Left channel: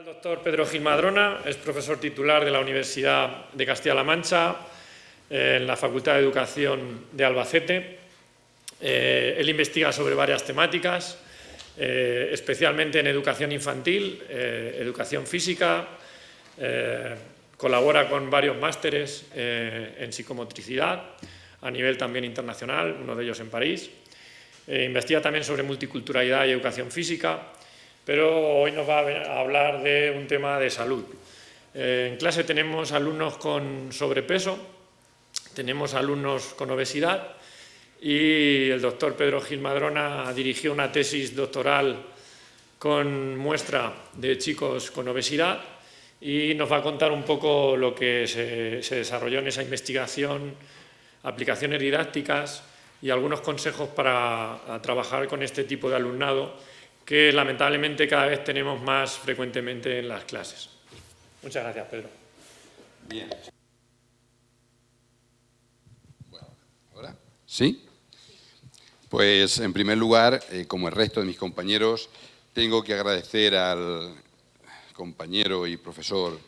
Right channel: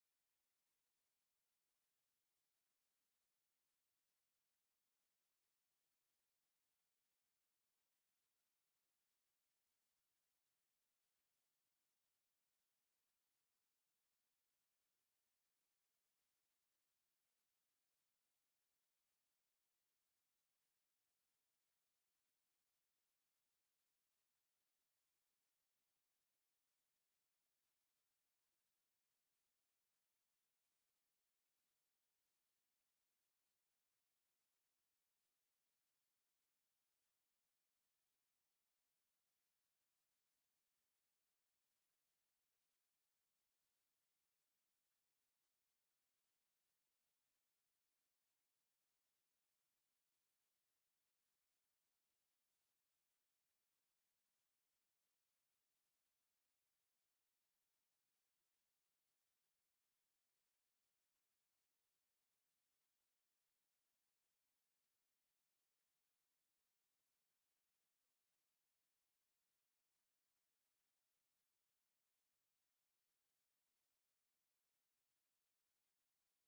al doctor Pedro Gil Madrona, es profesor titular de la Universidad de Castilla-La Mancha, en la Facultad de Educación de Albacete. Él investiga sobre varias temáticas, especialmente en educación infantil, educación física, colabora con varios másteres en psicomotricidad, a nivel también internacional, uno de ellos en París. Investiga también sobre multiculturalidad y educación física, pero hoy nos va a hablar de un tema de salud. En clase tenemos alumnos con sobrepeso, tenemos alumnos con obesidad y el doctor Pedro Gil Madrona dirigió una tesis doctoral con muestra de chicos con obesidad y nos va a contar un poco lo que se desarrolló en esa investigación, aplicaciones didácticas y algunos consejos para trabajar con este tipo de alumnado que lamentablemente cada vez tenemos más frecuentemente en las clases. Muchas gracias, Pedro. Bien. Bueno, ¿ahora? ¿Sí? Pues, en primer lugar, como el resto de mis compañeros, tengo que agradecer al compañero y profesor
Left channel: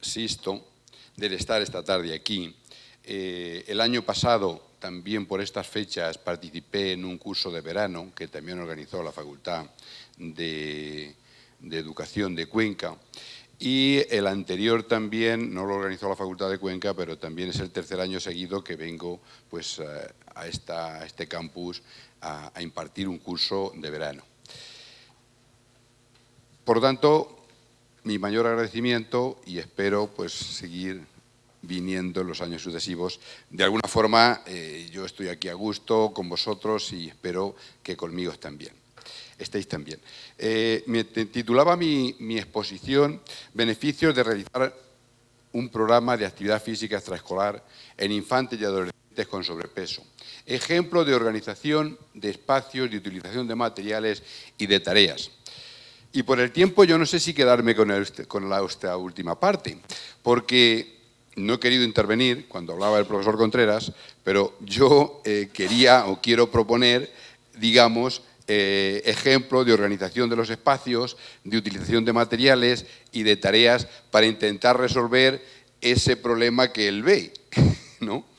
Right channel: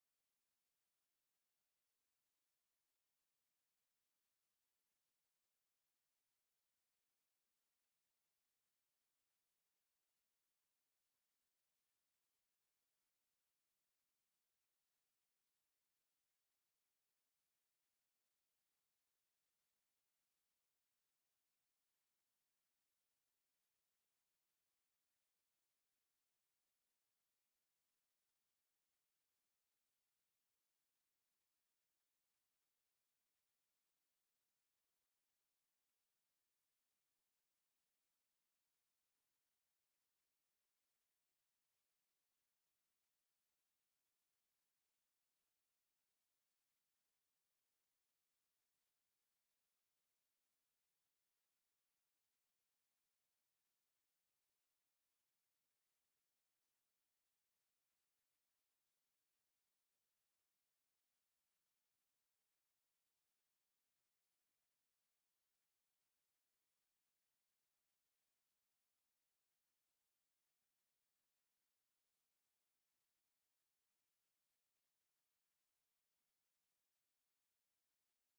Sisto del estar esta tarde aquí. El año pasado, también por estas fechas, participé en un curso de verano que también organizó la Facultad de Educación de Cuenca. Y el anterior también, no lo organizó la Facultad de Cuenca, pero también es el tercer año seguido que vengo pues, a este campus a impartir un curso de verano. Por lo tanto, mi mayor agradecimiento y espero pues, seguir viniendo en los años sucesivos. De alguna forma, yo estoy aquí a gusto con vosotros y espero que conmigo estéis también. Me titulaba mi exposición «Beneficios de realizar un programa de actividad física extraescolar en infantes y adolescentes con sobrepeso. Ejemplo de organización de espacios, de utilización de materiales y de tareas». Y por el tiempo yo no sé si quedarme con esta última parte, porque no he querido intervenir cuando hablaba el profesor Contreras, pero yo quería o quiero proponer, digamos, ejemplo de organización de los espacios, de utilización de materiales y de tareas para intentar resolver ese problema que él ve, ¿no?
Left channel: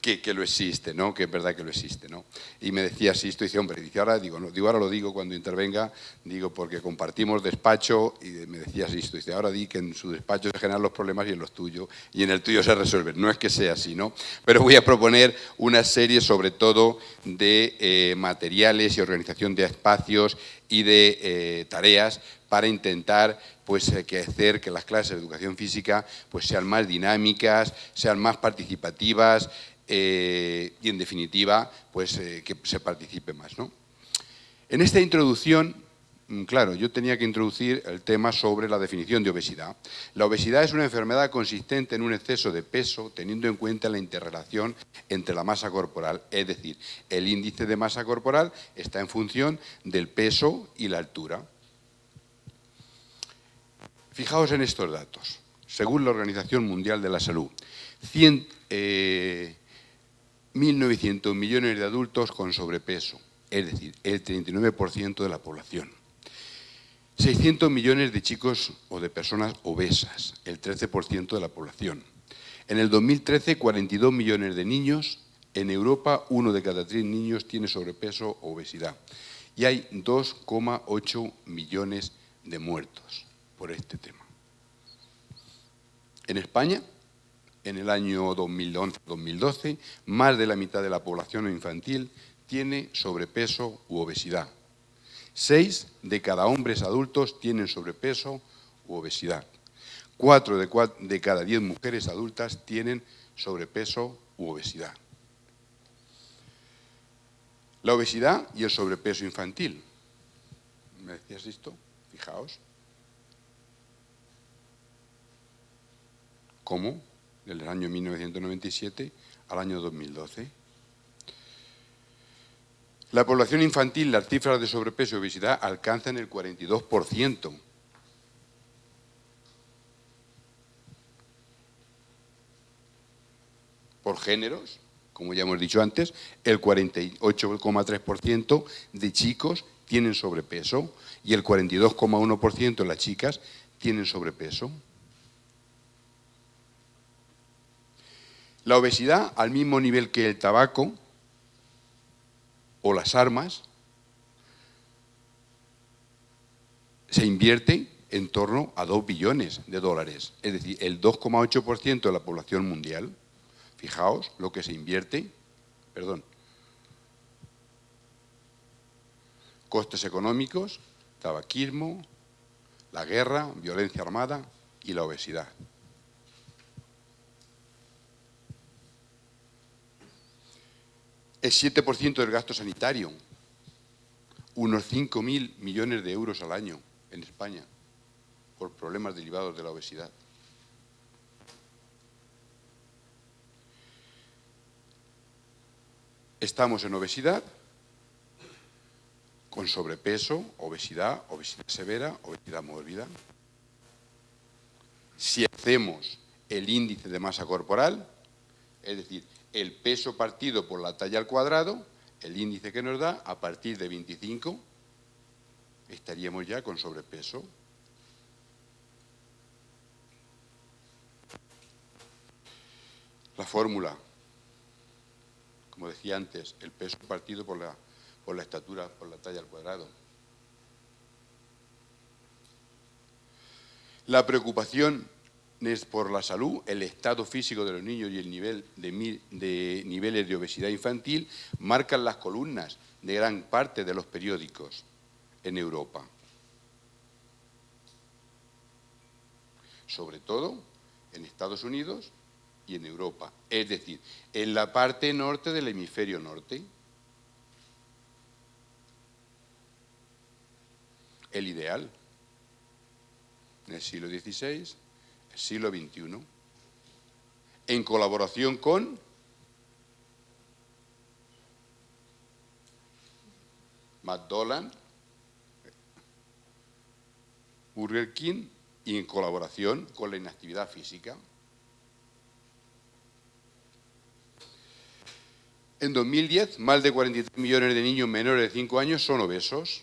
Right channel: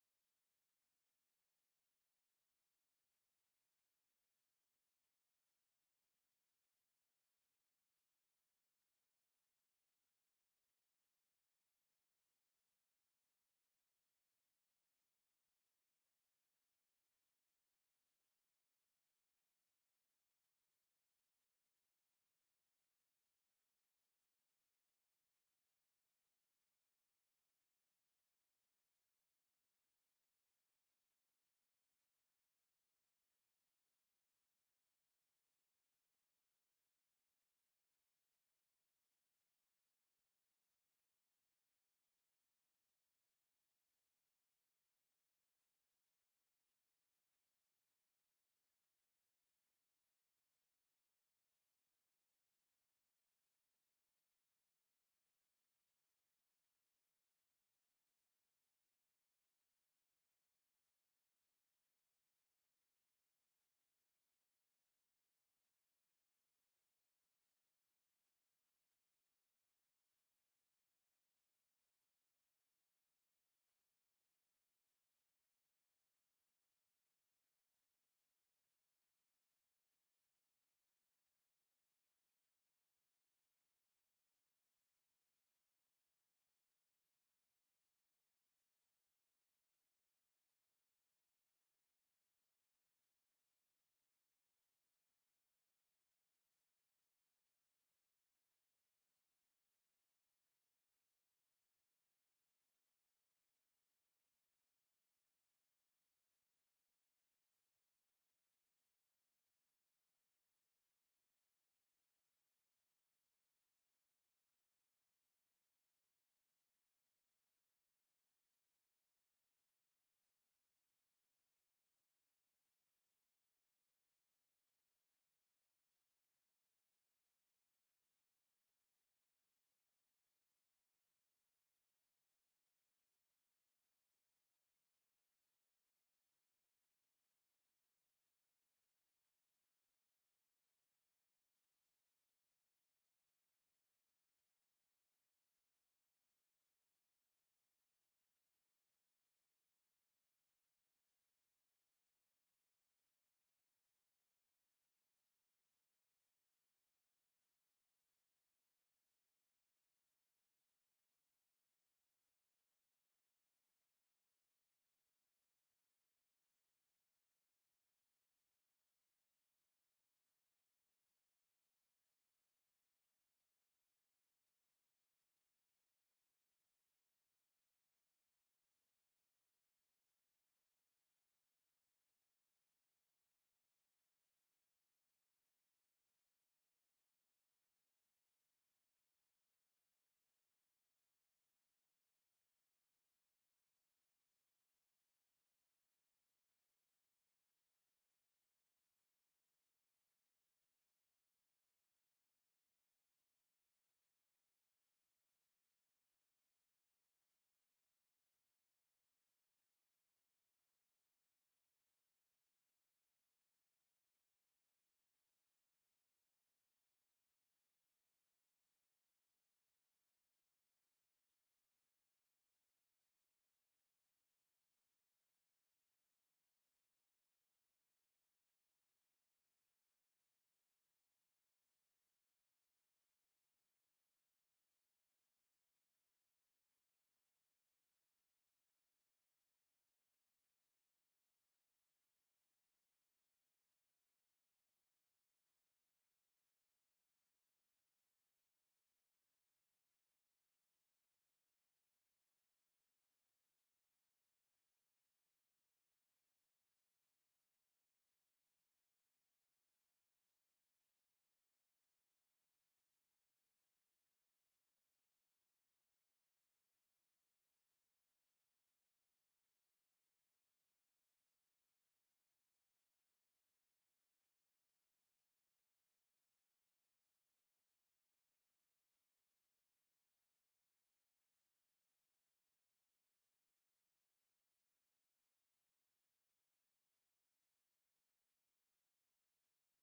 Que lo existe, ¿no? Que es verdad que lo existe, ¿no? Y me decía así, dice, hombre, dice, ahora digo, no, digo, ahora lo digo cuando intervenga, digo, porque compartimos despacho, y me decía así, dice, ahora di que en su despacho se generan los problemas y en los tuyos, y en el tuyo se resuelven. No es que sea así, ¿no? Pero voy a proponer una serie, sobre todo, de materiales y organización de espacios y de tareas para intentar pues, hacer que las clases de educación física pues, sean más dinámicas, sean más participativas, y en definitiva pues, que se participe más, ¿no? En esta introducción, claro, yo tenía que introducir el tema sobre la definición de obesidad. La obesidad es una enfermedad consistente en un exceso de peso teniendo en cuenta la interrelación entre la masa corporal, es decir, el índice de masa corporal está en función del peso y la altura. Fijaos en estos datos. Según la Organización Mundial de la Salud, 1.900 millones de adultos con sobrepeso, es decir, el 39% de la población. 600 millones de chicos o de personas obesas, el 13% de la población. En el 2013, 42 millones de niños. En Europa, 1 de cada 3 niños tiene sobrepeso o obesidad. Y hay 2,8 millones de muertos por este tema. En España, en el año 2011-2012, más de la mitad de la población infantil tiene sobrepeso u obesidad. 6 de cada hombres adultos tienen sobrepeso u obesidad. 4 de cada 10 mujeres adultas tienen sobrepeso u obesidad. La obesidad y el sobrepeso infantil. ¿Me decías esto? Fijaos. ¿Cómo? Del año 1997 al año 2012. La población infantil, las cifras de sobrepeso y obesidad alcanzan el 42%. Por géneros, como ya hemos dicho antes, el 48,3% de chicos tienen sobrepeso y el 42,1% de las chicas tienen sobrepeso. La obesidad, al mismo nivel que el tabaco o las armas, se invierte en torno a 2 billones de dólares, es decir, el 2,8% de la población mundial. Fijaos lo que se invierte, costes económicos, tabaquismo, la guerra, violencia armada y la obesidad. El 7% del gasto sanitario, unos 5.000 millones de euros al año en España, por problemas derivados de la obesidad. Estamos en obesidad, con sobrepeso, obesidad, obesidad severa, obesidad mórbida. Si hacemos el índice de masa corporal, es decir, el peso partido por la talla al cuadrado, el índice que nos da, a partir de 25, estaríamos ya con sobrepeso. La fórmula, como decía antes, el peso partido por la estatura, por la talla al cuadrado. La preocupación es por la salud, el estado físico de los niños y el nivel de niveles de obesidad infantil marcan las columnas de gran parte de los periódicos en Europa. Sobre todo en Estados Unidos y en Europa, es decir, en la parte norte del hemisferio norte. El ideal, en el siglo XVI, el siglo XXI, en colaboración con McDonald's, Burger King y en colaboración con la inactividad física. En 2010, más de 43 millones de niños menores de 5 años son obesos.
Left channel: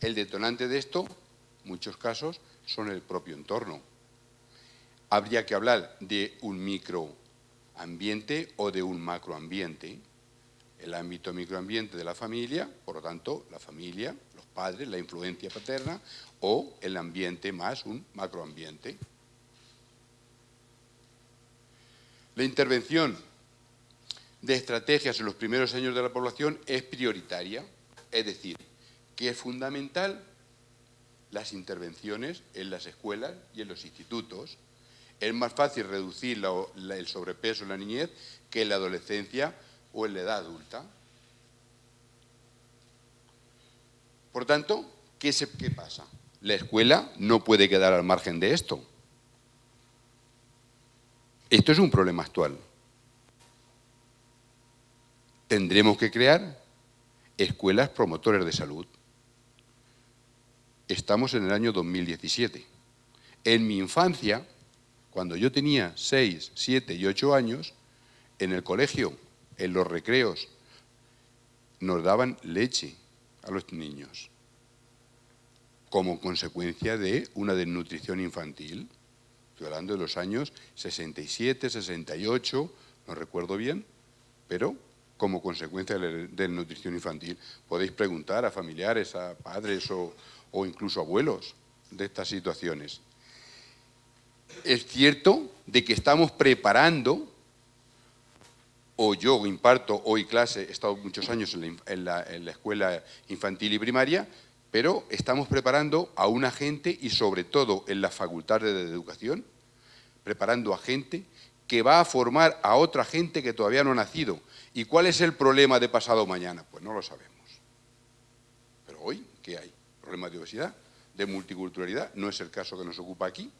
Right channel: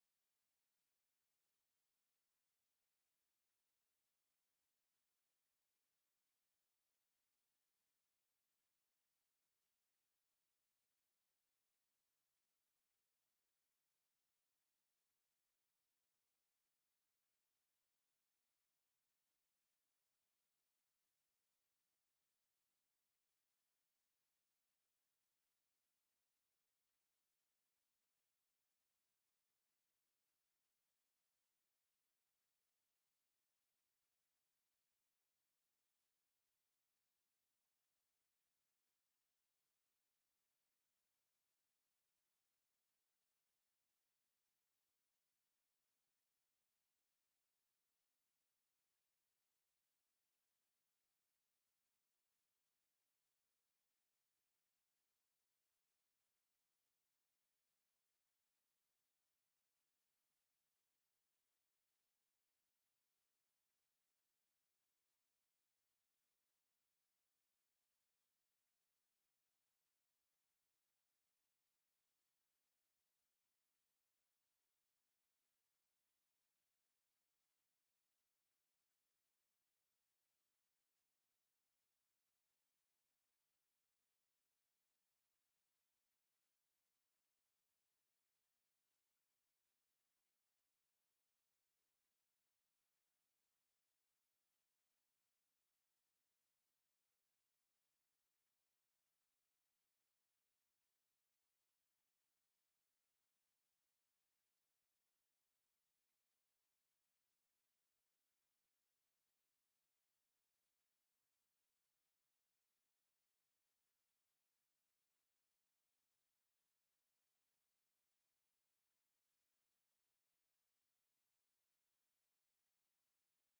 El detonante de esto, en muchos casos, son el propio entorno. Habría que hablar de un microambiente o de un macroambiente. El ámbito microambiente de la familia, por lo tanto, la familia, los padres, la influencia paterna, o el ambiente más un macroambiente. La intervención de estrategias en los primeros años de la población es prioritaria, es decir, que es fundamental las intervenciones en las escuelas y en los institutos. Es más fácil reducir el sobrepeso en la niñez que en la adolescencia o en la edad adulta. Por tanto, ¿qué pasa? La escuela no puede quedar al margen de esto. Esto es un problema actual. Tendremos que crear escuelas promotoras de salud. Estamos en el año 2017. En mi infancia, cuando yo tenía 6, 7 y 8 años, en el colegio, en los recreos, nos daban leche a los niños como consecuencia de una desnutrición infantil. Estoy hablando de los años 67, 68, no recuerdo bien, pero como consecuencia de la desnutrición infantil. Podéis preguntar a familiares, a padres o incluso abuelos de estas situaciones. Es cierto de que estamos preparando, o yo imparto hoy clase, he estado muchos años en la escuela infantil y primaria, pero estamos preparando a una gente, y sobre todo en las facultades de educación, preparando a gente que va a formar a otra gente que todavía no ha nacido. ¿Y cuál es el problema de pasado mañana? Pues no lo sabemos. Pero hoy, ¿qué hay? Problemas de obesidad, de multiculturalidad, no es el caso que nos ocupa aquí,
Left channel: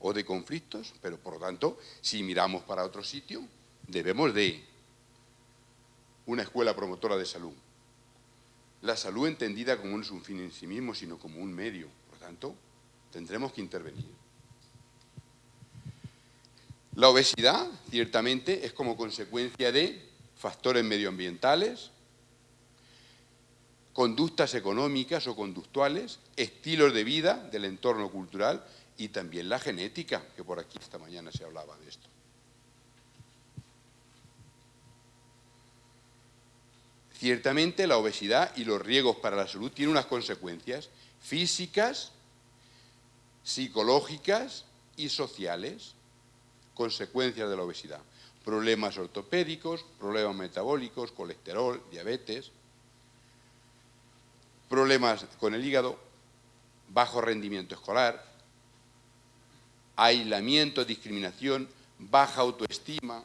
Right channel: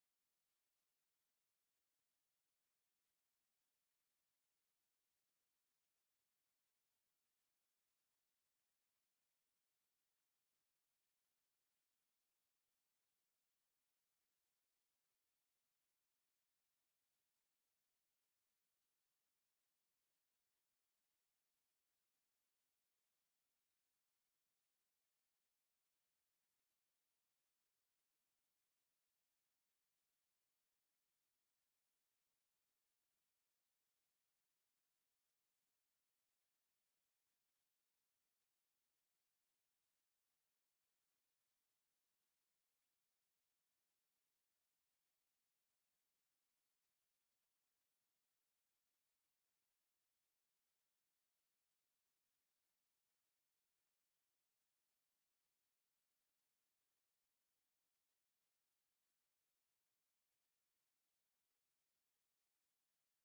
o de conflictos, pero por lo tanto, si miramos para otro sitio, debemos de una escuela promotora de salud. La salud entendida como no es un fin en sí mismo, sino como un medio. Por lo tanto, tendremos que intervenir. La obesidad, ciertamente, es como consecuencia de factores medioambientales, conductas económicas o conductuales, estilos de vida del entorno cultural y también la genética, que por aquí esta mañana se hablaba de esto. Ciertamente la obesidad y los riesgos para la salud tienen unas consecuencias físicas, psicológicas y sociales, consecuencias de la obesidad. Problemas ortopédicos, problemas metabólicos, colesterol, diabetes, problemas con el hígado, bajo rendimiento escolar, aislamiento, discriminación, baja autoestima,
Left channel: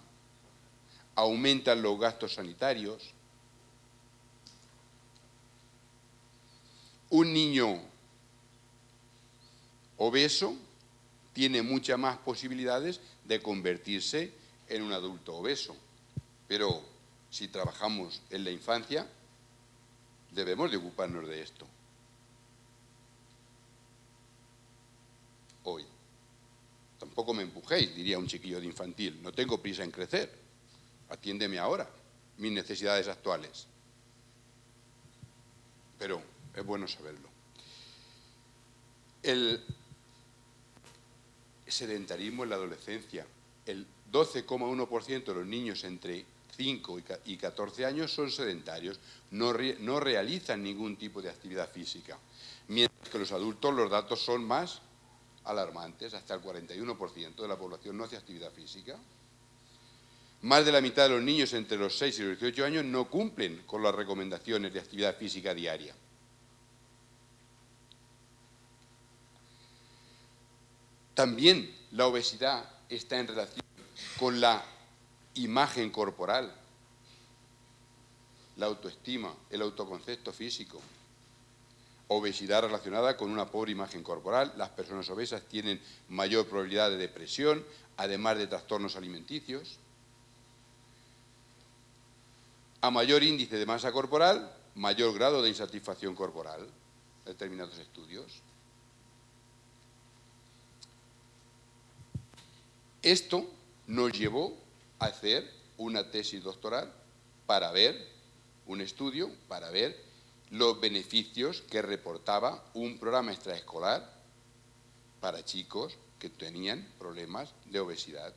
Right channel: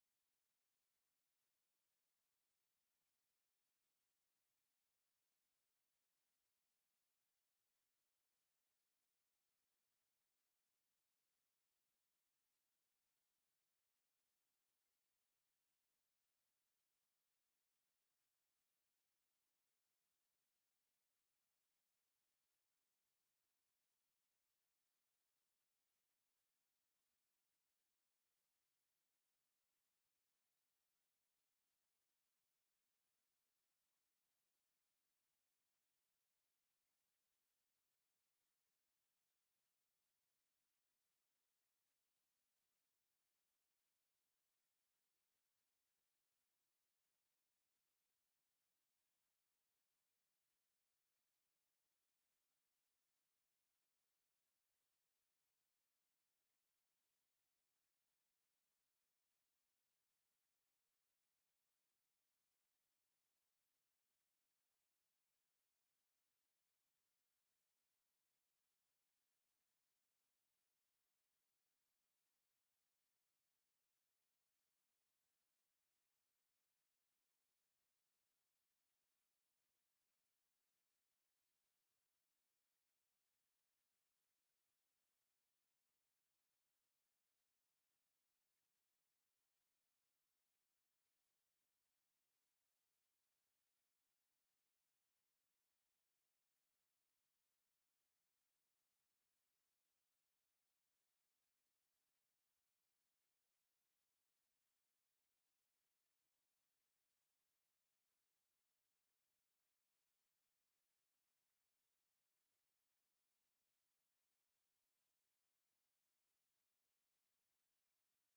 aumentan los gastos sanitarios. Un niño obeso tiene muchas más posibilidades de convertirse en un adulto obeso. Pero si trabajamos en la infancia, debemos de ocuparnos de esto. Hoy. Tampoco me empujéis, diría un chiquillo de infantil. No tengo prisa en crecer. Atiéndeme ahora, mis necesidades actuales. Pero es bueno saberlo. El sedentarismo en la adolescencia. El 12,1% de los niños entre 5 y 14 años son sedentarios, no realizan ningún tipo de actividad física. Mientras que los adultos los datos son más alarmantes, hasta el 41% de la población no hace actividad física. Más de la mitad de los niños entre los 6 y los 18 años no cumplen con las recomendaciones de actividad física diaria. También la obesidad está en relación con la imagen corporal, la autoestima, el autoconcepto físico. Obesidad relacionada con una pobre imagen corporal. Las personas obesas tienen mayor probabilidad de depresión, además de trastornos alimenticios. A mayor índice de masa corporal, mayor grado de insatisfacción corporal, determinados estudios. Esto nos llevó a hacer una tesis doctoral para ver, un estudio, para ver los beneficios que reportaba un programa extraescolar para chicos que tenían problemas de obesidad.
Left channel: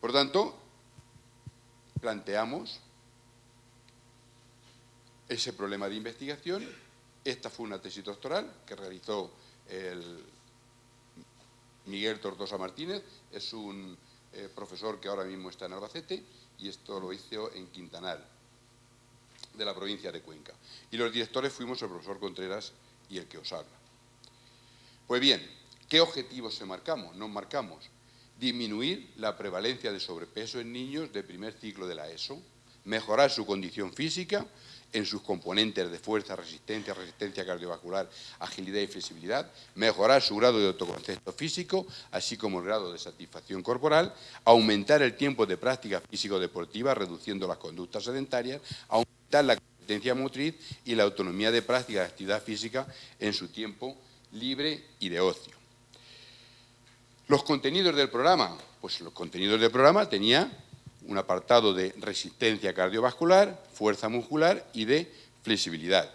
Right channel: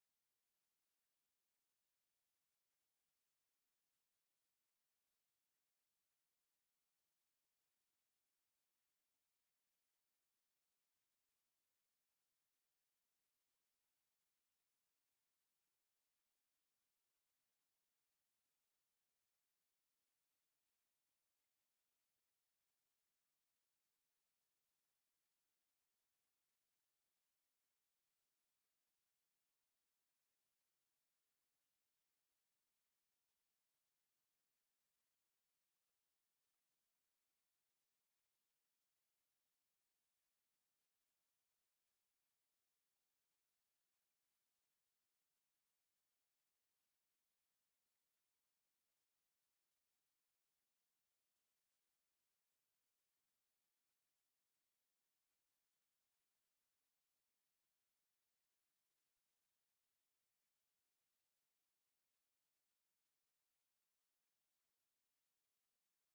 Por tanto, planteamos ese problema de investigación. Esta fue una tesis doctoral que realizó el Miguel Tortosa Martínez, es un profesor que ahora mismo está en Albacete, y esto lo hizo en Quintanar, de la provincia de Cuenca. Y los directores fuimos el profesor Contreras y el que os habla. Pues bien, ¿qué objetivos nos marcamos? Disminuir la prevalencia de sobrepeso en niños de primer ciclo de la ESO, mejorar su condición física en sus componentes de fuerza, resistencia cardiovascular, agilidad y flexibilidad, mejorar su grado de autoconcepto físico, así como el grado de satisfacción corporal, aumentar el tiempo de práctica físico-deportiva, reduciendo las conductas sedentarias, aumentar la competencia motriz y la autonomía de práctica de actividad física en su tiempo libre y de ocio. Los contenidos del programa, pues los contenidos del programa tenía un apartado de resistencia cardiovascular, fuerza muscular y de flexibilidad.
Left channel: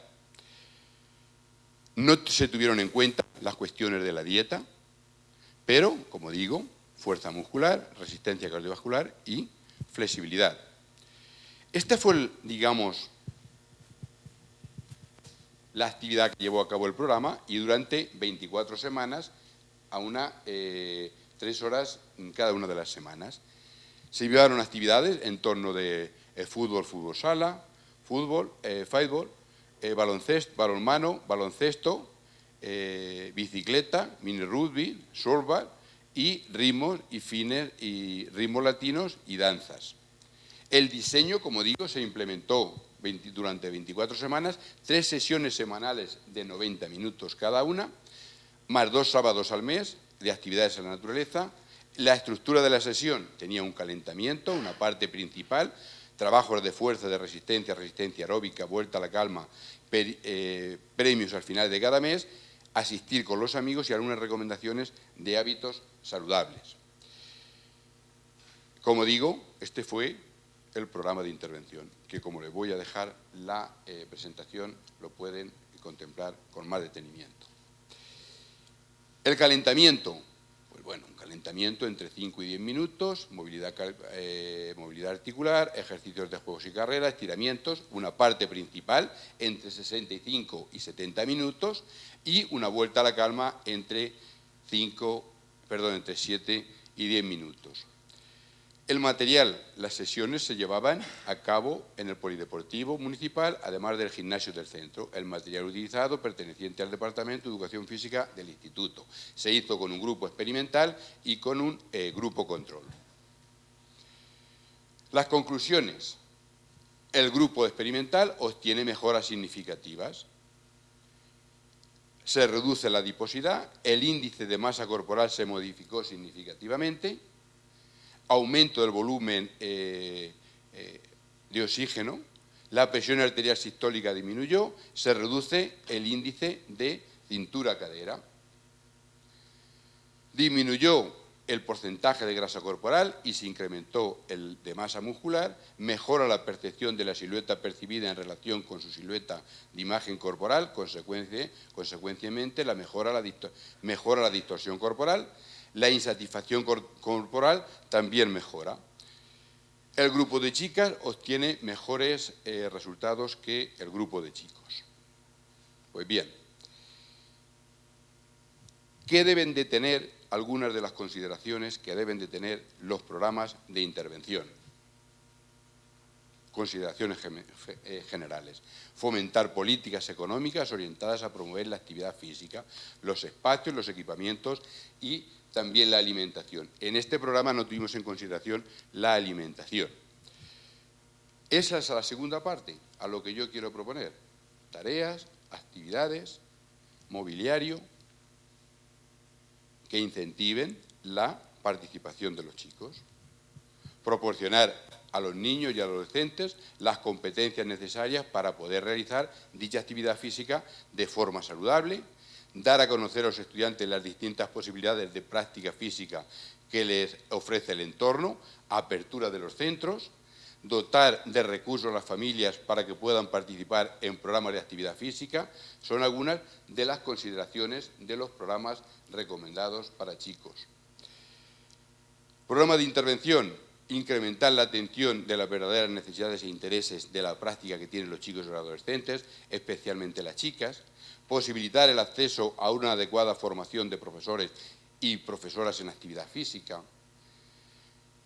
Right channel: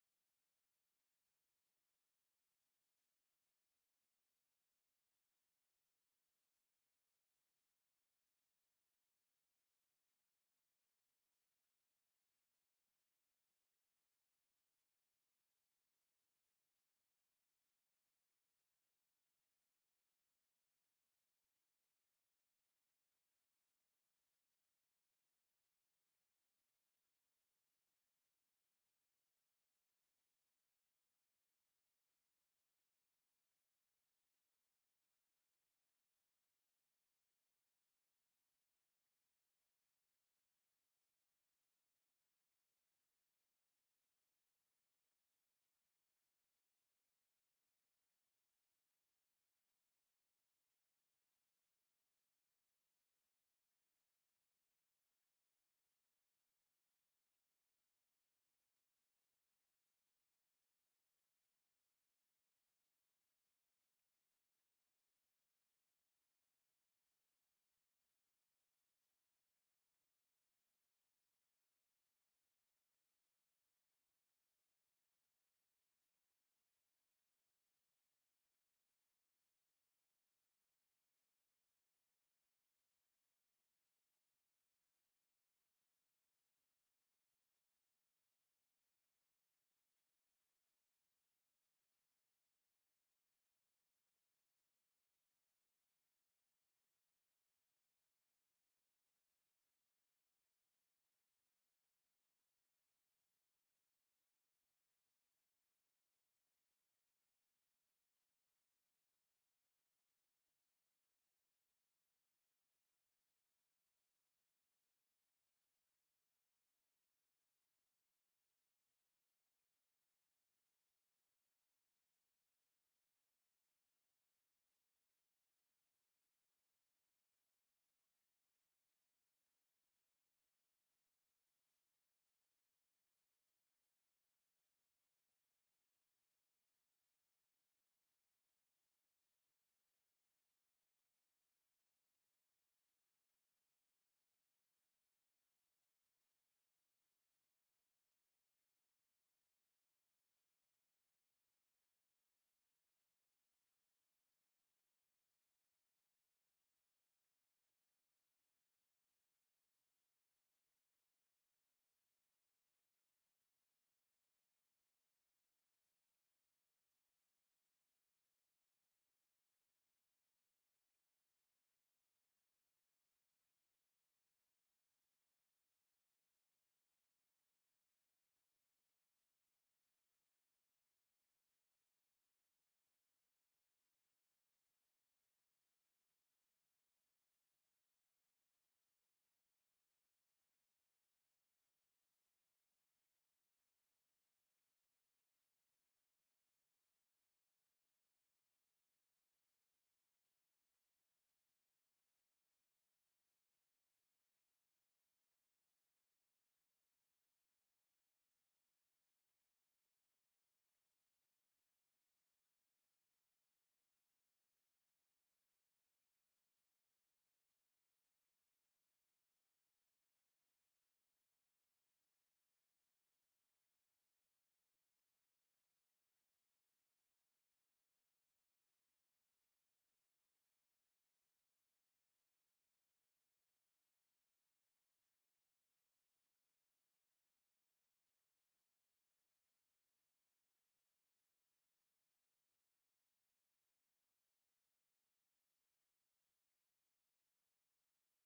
No se tuvieron en cuenta las cuestiones de la dieta, pero, como digo, fuerza muscular, resistencia cardiovascular y flexibilidad. Esta fue, digamos, la actividad que llevó a cabo el programa, y durante 24 semanas, a 3 horas en cada una de las semanas. Se llevaron actividades en torno de fútbol, fútbol sala, fútbol, fútbol, baloncesto, balonmano, baloncesto, bicicleta, mini rugby, softball y ritmos y fines y ritmos latinos y danzas. El diseño, como digo, se implementó durante 24 semanas, 3 sesiones semanales de 90 minutos cada una, más 2 sábados al mes de actividades en la naturaleza. La estructura de la sesión tenía un calentamiento, una parte principal, trabajos de fuerza, de resistencia, resistencia aeróbica, vuelta a la calma, premios al final de cada mes, asistir con los amigos y algunas recomendaciones de hábitos saludables. Como digo, este fue el programa de intervención, que como les voy a dejar la presentación, lo pueden contemplar con más detenimiento. El calentamiento, pues bueno, un calentamiento entre 5 y 10 minutos, movilidad articular, ejercicios de juegos y carreras, estiramientos, una parte principal entre 65 y 70 minutos y una vuelta a la calma entre 7 y 10 minutos. El material, las sesiones se llevaban a cabo en el Polideportivo Municipal, además del gimnasio del centro. El material utilizado, perteneciente al Departamento de Educación Física del Instituto. Se hizo con un grupo experimental y con un grupo control. Las conclusiones. El grupo experimental obtiene mejoras significativas. Se reduce la adiposidad, el índice de masa corporal se modificó significativamente, aumento del volumen de oxígeno, la presión arterial sistólica disminuyó, se reduce el índice de cintura-cadera, disminuyó el porcentaje de grasa corporal y se incrementó el de masa muscular, mejora la percepción de la silueta percibida en relación con su silueta de imagen corporal, consecuentemente mejora la distorsión corporal, la insatisfacción corporal también mejora. El grupo de chicas obtiene mejores resultados que el grupo de chicos. Pues bien, ¿qué deben de tener algunas de las consideraciones que deben de tener los programas de intervención? Consideraciones generales. Fomentar políticas económicas orientadas a promover la actividad física, los espacios, los equipamientos y también la alimentación. En este programa no tuvimos en consideración la alimentación. Esa es la segunda parte, a lo que yo quiero proponer. Tareas, actividades, mobiliario, que incentiven la participación de los chicos. Proporcionar a los niños y adolescentes las competencias necesarias para poder realizar dicha actividad física de forma saludable, dar a conocer a los estudiantes las distintas posibilidades de práctica física que les ofrece el entorno, apertura de los centros, dotar de recursos a las familias para que puedan participar en programas de actividad física, son algunas de las consideraciones de los programas recomendados para chicos. Programa de intervención, incrementar la atención de las verdaderas necesidades e intereses de la práctica que tienen los chicos y los adolescentes, especialmente las chicas, posibilitar el acceso a una adecuada formación de profesores y profesoras en actividad física,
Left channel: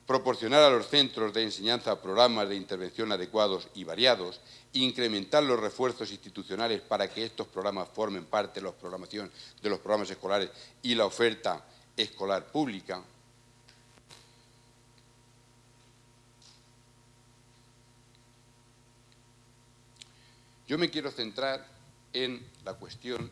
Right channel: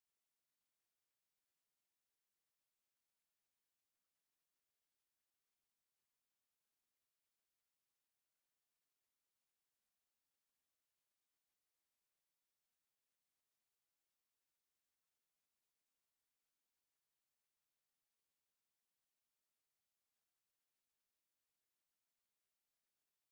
proporcionar a los centros de enseñanza programas de intervención adecuados y variados, incrementar los refuerzos institucionales para que estos programas formen parte de los programas escolares y la oferta escolar pública. Yo me quiero centrar en la cuestión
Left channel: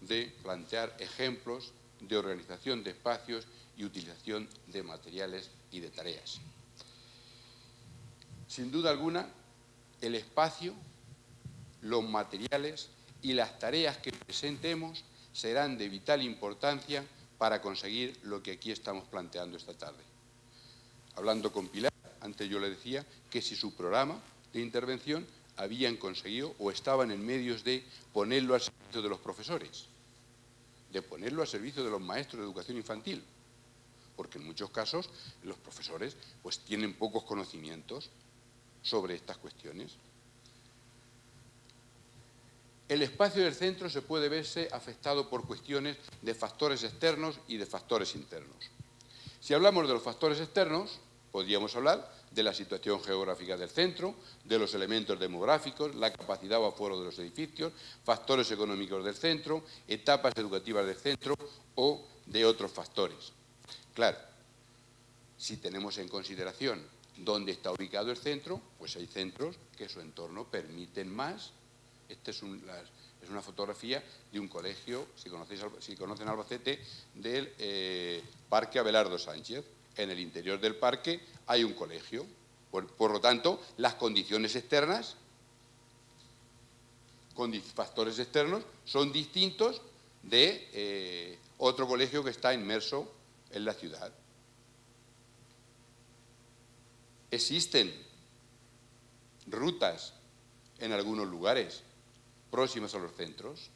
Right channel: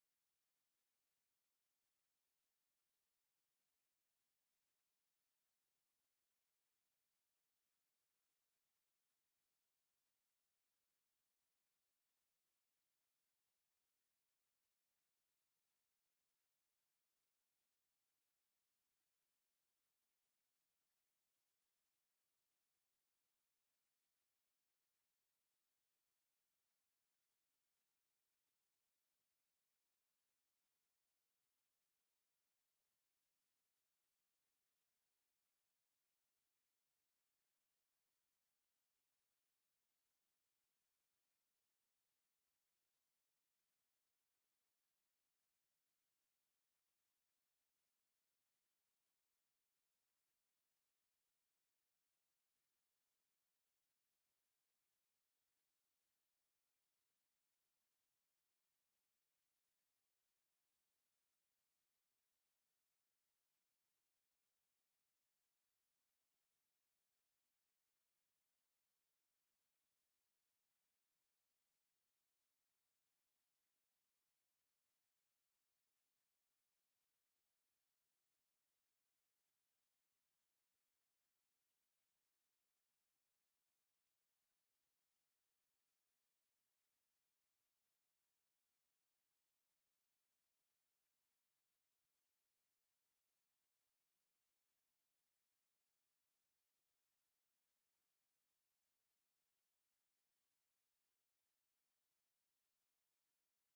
de plantear ejemplos de organización de espacios y utilización de materiales y de tareas. Sin duda alguna, el espacio, los materiales y las tareas que presentemos serán de vital importancia para conseguir lo que aquí estamos planteando esta tarde. Hablando con Pilar, antes yo le decía que si su programa de intervención habían conseguido o estaban en medios de ponerlo al servicio de los profesores, de ponerlo al servicio de los maestros de educación infantil, porque en muchos casos los profesores pues tienen pocos conocimientos sobre estas cuestiones. El espacio del centro se puede verse afectado por cuestiones de factores externos y de factores internos. Si hablamos de los factores externos, podríamos hablar de la situación geográfica del centro, de los elementos demográficos, la capacidad o aforo de los edificios, factores económicos del centro, etapas educativas del centro o de otros factores. Claro, si tenemos en consideración dónde está ubicado el centro, pues hay centros que su entorno permiten más. Esta es una fotografía de un colegio, si conocen Albacete, del Parque Abelardo Sánchez. En el interior del parque hay un colegio. Por lo tanto, las condiciones externas, con factores externos, son distintos de otro colegio que está inmerso en la ciudad. Existen rutas en algunos lugares próximos a los centros.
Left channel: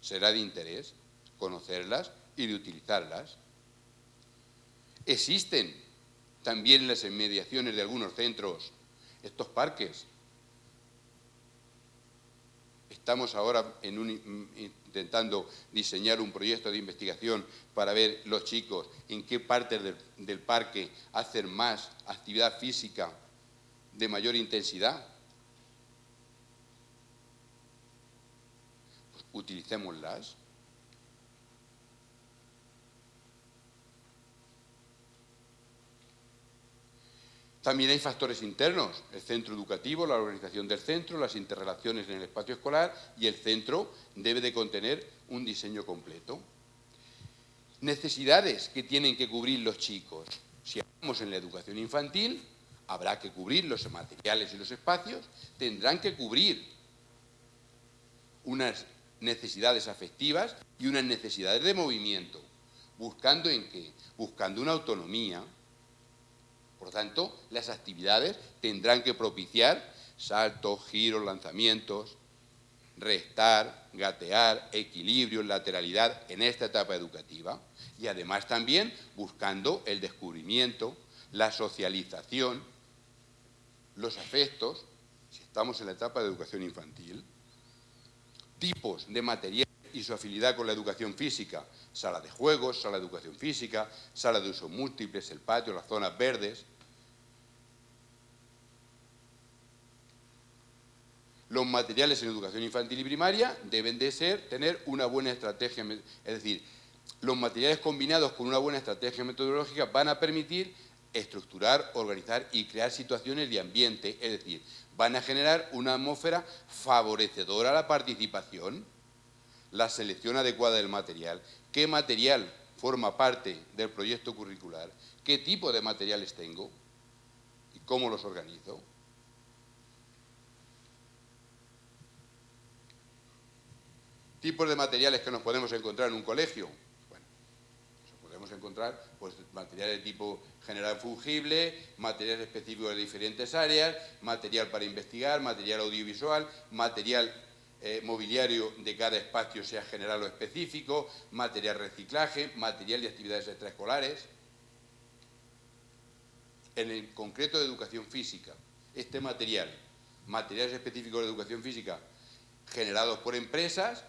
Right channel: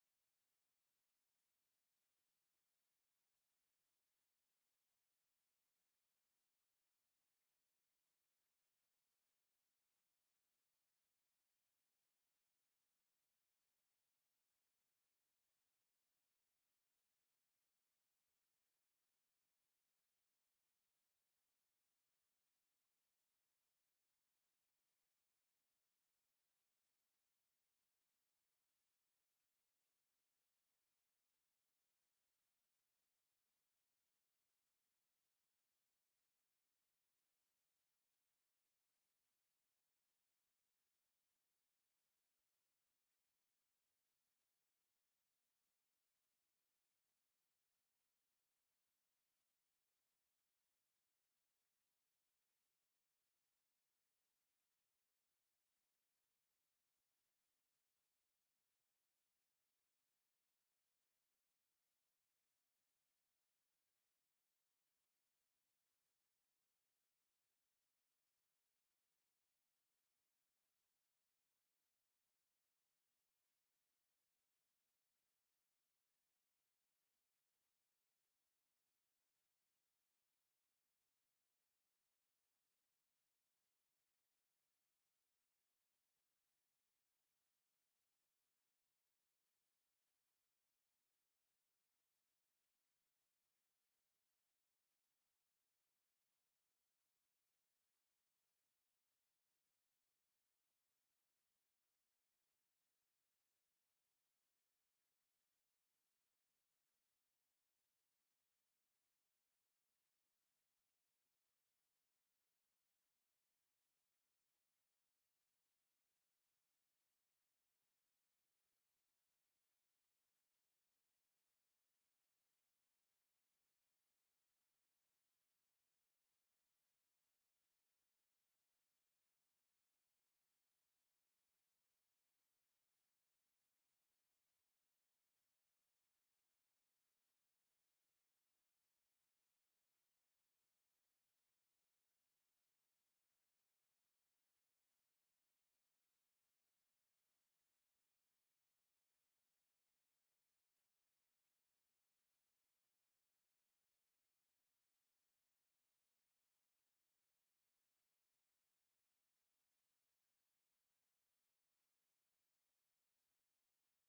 Será de interés conocerlas y de utilizarlas. Existen también en las inmediaciones de algunos centros estos parques. Estamos ahora intentando diseñar un proyecto de investigación para ver los chicos en qué partes del parque hacen más actividad física de mayor intensidad. Pues utilicémoslas. También hay factores internos, el centro educativo, la organización del centro, las interrelaciones en el espacio escolar, y el centro debe de contener un diseño completo. Necesidades que tienen que cubrir los chicos. Si hablamos en la educación infantil, habrá que cubrir los materiales y los espacios, tendrán que cubrir unas necesidades afectivas y unas necesidades de movimiento. ¿Buscando en qué? Buscando una autonomía. Por tanto, las actividades tendrán que propiciar saltos, giros, lanzamientos, restar, gatear, equilibrio, lateralidad en esta etapa educativa, y además también buscando el descubrimiento, la socialización, los afectos, si estamos en la etapa de educación infantil, tipos de material y su afinidad con la educación física, sala de juegos, sala de educación física, sala de usos múltiples, el patio, las zonas verdes. Los materiales en educación infantil y primaria deben de tener una buena estrategia, es decir, los materiales combinados con una buena estrategia metodológica van a permitir estructurar, organizar y crear situaciones de ambiente, es decir, van a generar una atmósfera favorecedora a la participación, la selección adecuada del material, qué material forma parte del proyecto curricular, qué tipo de materiales tengo y cómo los organizo. Tipos de materiales que nos podemos encontrar en un colegio. Bueno, nos podemos encontrar pues, materiales de tipo general fungible, materiales específicos de diferentes áreas, material para investigar, material audiovisual, material mobiliario de cada espacio, sea general o específico, material reciclaje, material de actividades extraescolares. En el concreto de educación física, este material, materiales específicos de educación física generados por empresas,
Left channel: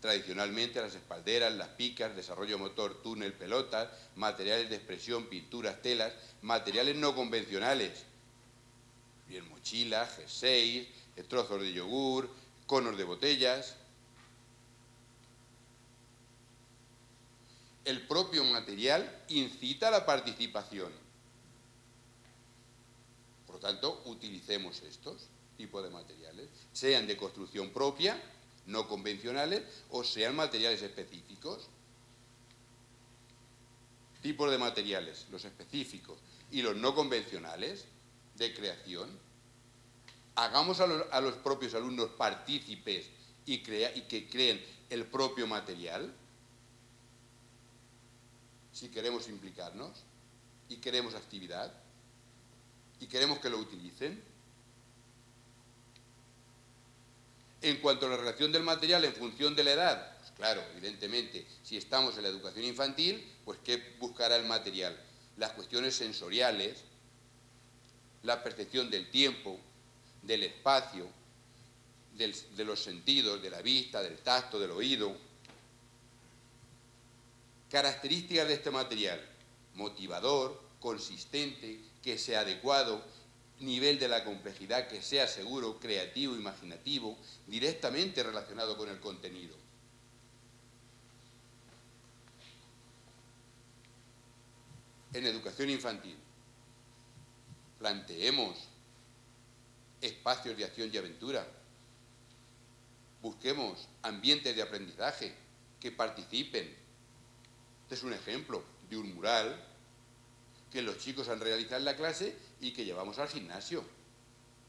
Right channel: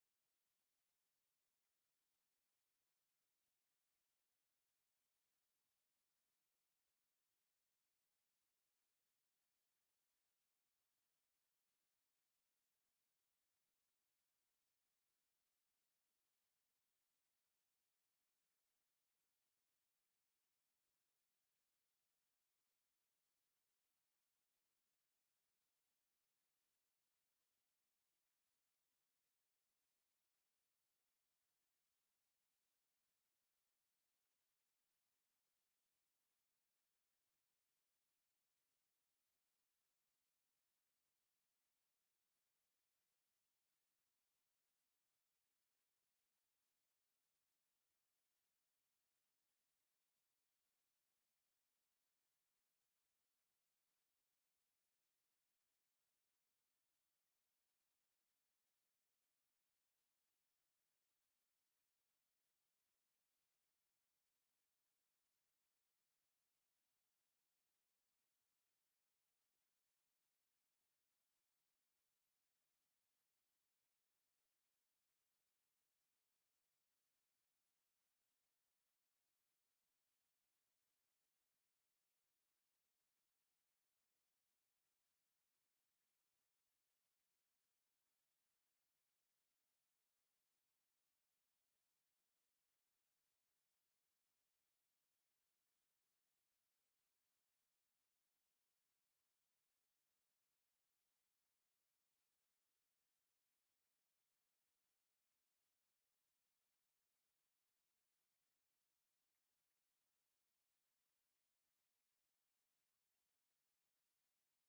tradicionalmente las espalderas, las picas, desarrollo motor, túnel, pelotas, materiales de expresión, pinturas, telas, materiales no convencionales, bien mochilas, jerseys, trozos de yogur, conos de botellas. El propio material incita a la participación. Por lo tanto, utilicemos estos tipos de materiales, sean de construcción propia, no convencionales, o sean materiales específicos. Tipos de materiales, los específicos y los no convencionales de creación. Hagamos a los propios alumnos partícipes y que creen el propio material, si queremos implicarnos y queremos actividad y queremos que lo utilicen. En cuanto a la relación del material en función de la edad, pues claro, evidentemente, si estamos en la educación infantil, pues ¿qué buscará el material? Las cuestiones sensoriales, la percepción del tiempo, del espacio, de los sentidos, de la vista, del tacto, del oído. Características de este material: motivador, consistente, que sea adecuado, nivel de la complejidad que sea seguro, creativo, imaginativo, directamente relacionado con el contenido. En educación infantil, planteemos espacios de acción y aventura. Busquemos ambientes de aprendizaje que participen. Este es un ejemplo de un mural que los chicos han realizado en la clase y que llevamos al gimnasio.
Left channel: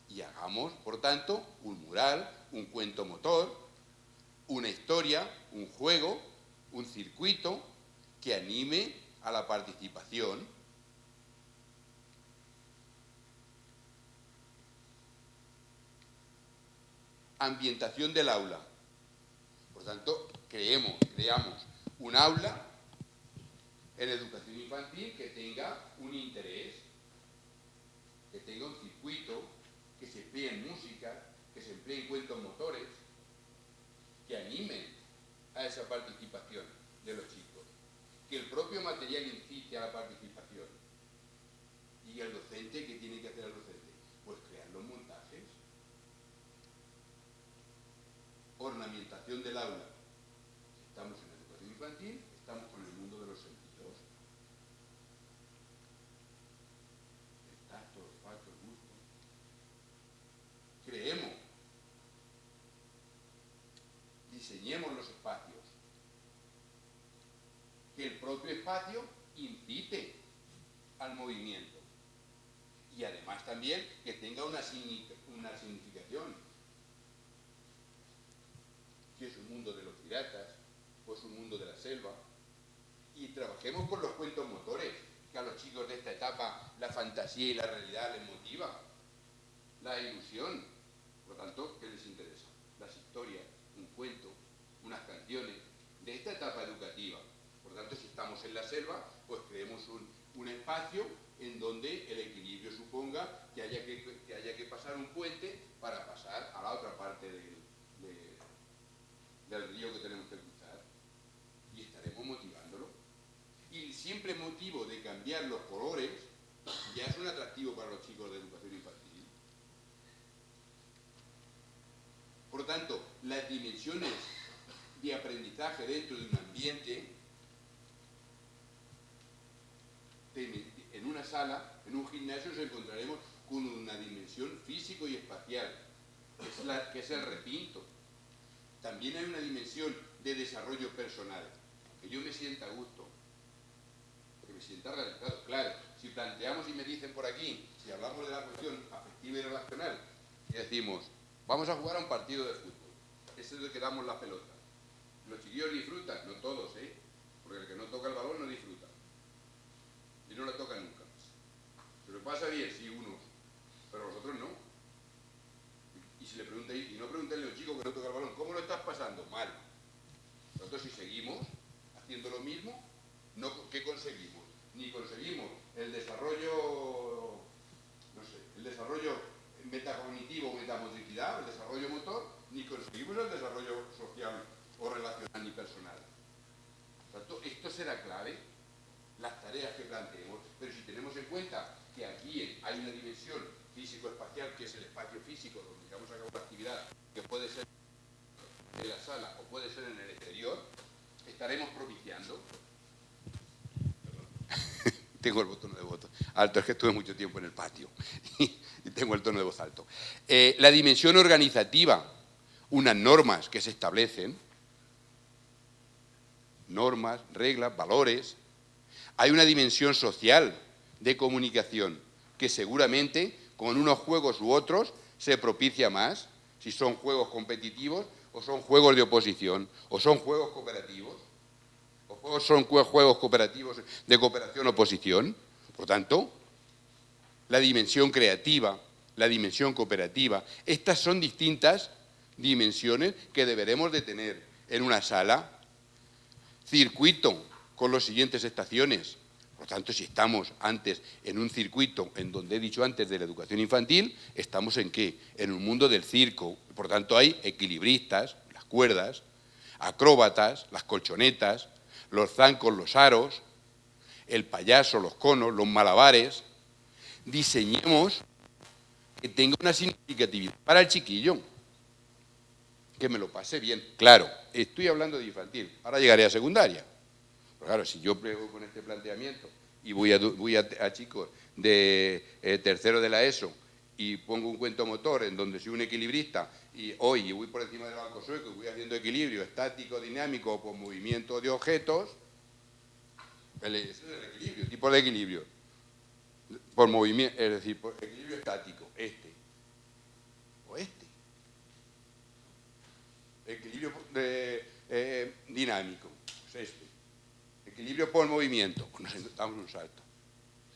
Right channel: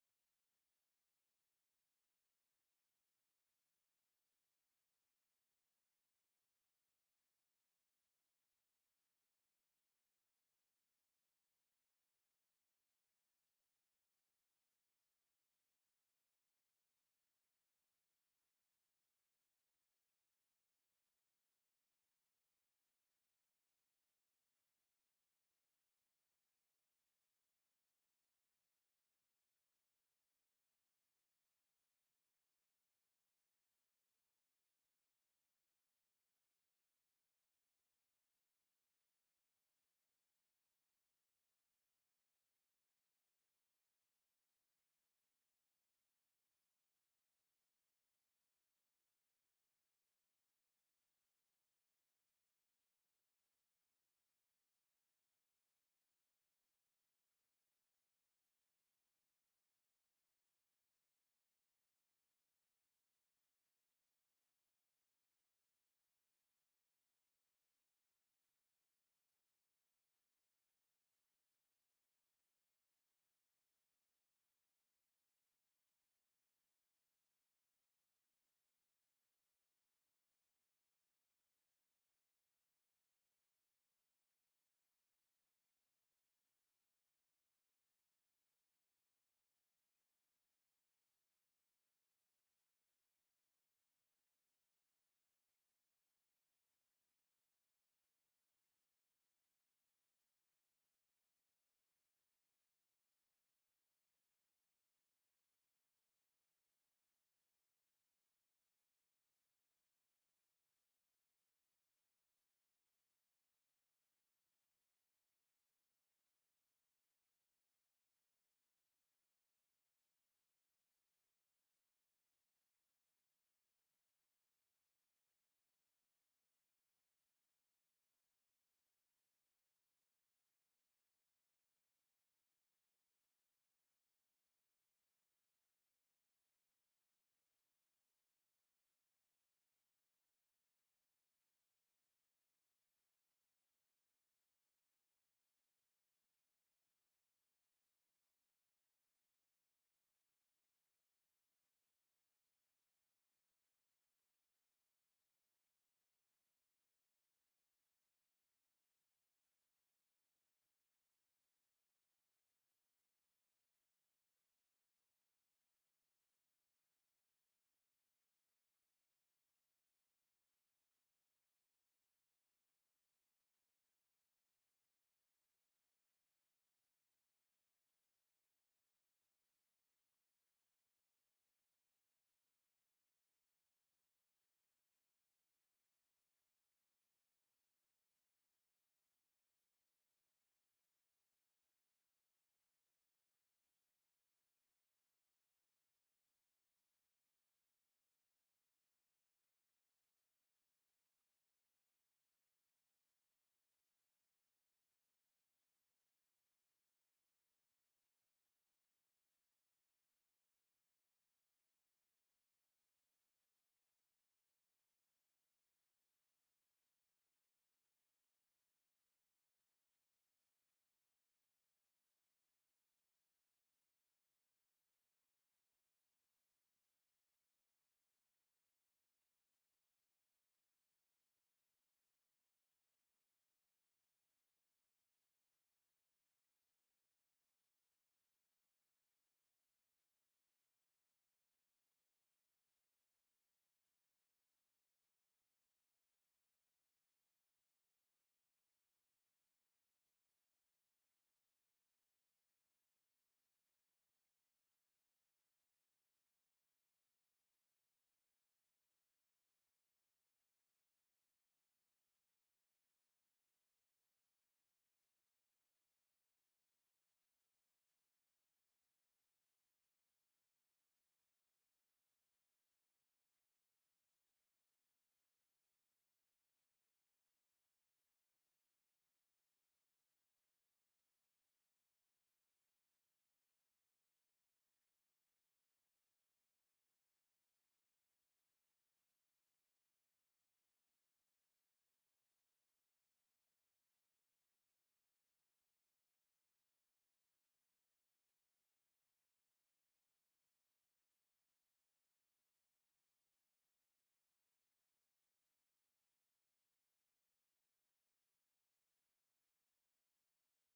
Y hagamos, por tanto, un mural, un cuento motor, una historia, un juego, un circuito que anime a la participación. ambientación del aula. Por tanto, creamos un aula en educación infantil que tenga un interés, que tenga un circuito, que se emplee en música, que se emplee en cuentos motores, que animen a esa participación de los chicos, que el propio material incite a la participación. ¿Y el docente qué tiene que hacer el docente? Pues crear los montajes, ornamentación del aula. Estamos en educación infantil, estamos con el mundo de los sentidos. El tacto, el olfato, el gusto. Creemos, diseñemos los espacios. Que el propio espacio incite al movimiento. Y además también que tenga una significación. Si es un mundo de los piratas, o es un mundo de la selva. Y trabajemos con los cuentos motores, que a los chicos de esta etapa la fantasía y la realidad les motiva. La ilusión. Por lo tanto, ¿qué les interesa? Las historias, un cuento, unas canciones de esta etapa educativa. Por lo tanto, si estamos en la selva, pues creemos un espacio en donde el equilibrio suponga que haya que pasar un puente para pasar a la otra parte del río que tenemos que cruzar. Y estaremos motivándolo. Y el simple motivo de cambiar los colores ya es un atractivo para los chicos de educación infantil. Por lo tanto, las dimensiones de aprendizaje dentro de un ambiente, en una sala, en un gimnasio, nos encontraremos con una dimensión físico y espacial, que es el recinto. También hay una dimensión de desarrollo personal, que yo me sienta a gusto, que me sienta realizado. Claro, si planteamos y me dicen por aquí, si hablamos de la cuestión afectiva y relacional, y decimos, vamos a jugar a un partido de fútbol, ese es el que damos la pelota. Los chiquillos disfrutan, no todos, porque el que no toca el balón no disfruta. Y no lo toca nunca. Se lo pasa bien, sí, unos, pero los otros no. Y si le preguntáis, y no preguntéis a un chico que no toca el balón, ¿cómo lo estás pasando? Mal. Nosotros si seguimos haciendo lo mismo, ¿qué conseguimos? Ni conseguimos el desarrollo, no sé, el desarrollo metacognitivo, metamotricidad, el desarrollo motor, ni conseguimos el desarrollo social o relacional ni personal. Por tanto, esto será clave, las tareas que planteemos, pero si tenemos en cuenta que aquí hay una dimensión físico-espacial, que es el espacio físico donde llevamos a cabo la actividad, que puede ser en la sala o puede ser en el exterior, estaremos propiciando. Tengo el tono de voz alto, es que estuve mucho tiempo en el patio y tengo el tono de voz alto. La dimensión organizativa, unas normas que se establecen, normas, reglas, valores. Hay una dimensión social de comunicación que seguramente con unos juegos u otros se propicia más, si son juegos competitivos o son juegos de oposición o son juegos cooperativos o son juegos cooperativos de cooperación-oposición. Por tanto, la dimensión creativa, la dimensión cooperativa, estas son distintas dimensiones que deberemos de tener en una sala. Circuito con las siguientes estaciones. Por tanto, si estamos antes en un circuito, en donde he dicho antes de la educación infantil, ¿estamos en qué? En un mundo del circo. Por tanto, hay equilibristas, las cuerdas, acróbatas, las colchonetas, los zancos, los aros, el payaso, los conos, los malabares. Diseñemos que tenga una significatividad para el chiquillo, que me lo pase bien. Claro, estoy hablando de infantil, ahora llegaré a secundaria. Pero claro, si yo pego con este planteamiento y voy a chicos de tercero de la ESO y pongo un cuento motor en donde soy un equilibrista y hoy voy por encima del banco sueco y voy haciendo equilibrio estático, dinámico o por movimiento de objetos, ese es el equilibrio, tipo de equilibrio. Por movimiento, es decir, por equilibrio estático, o este. Equilibrio dinámico, pues este. Equilibrio por movimiento, pues nos damos un salto,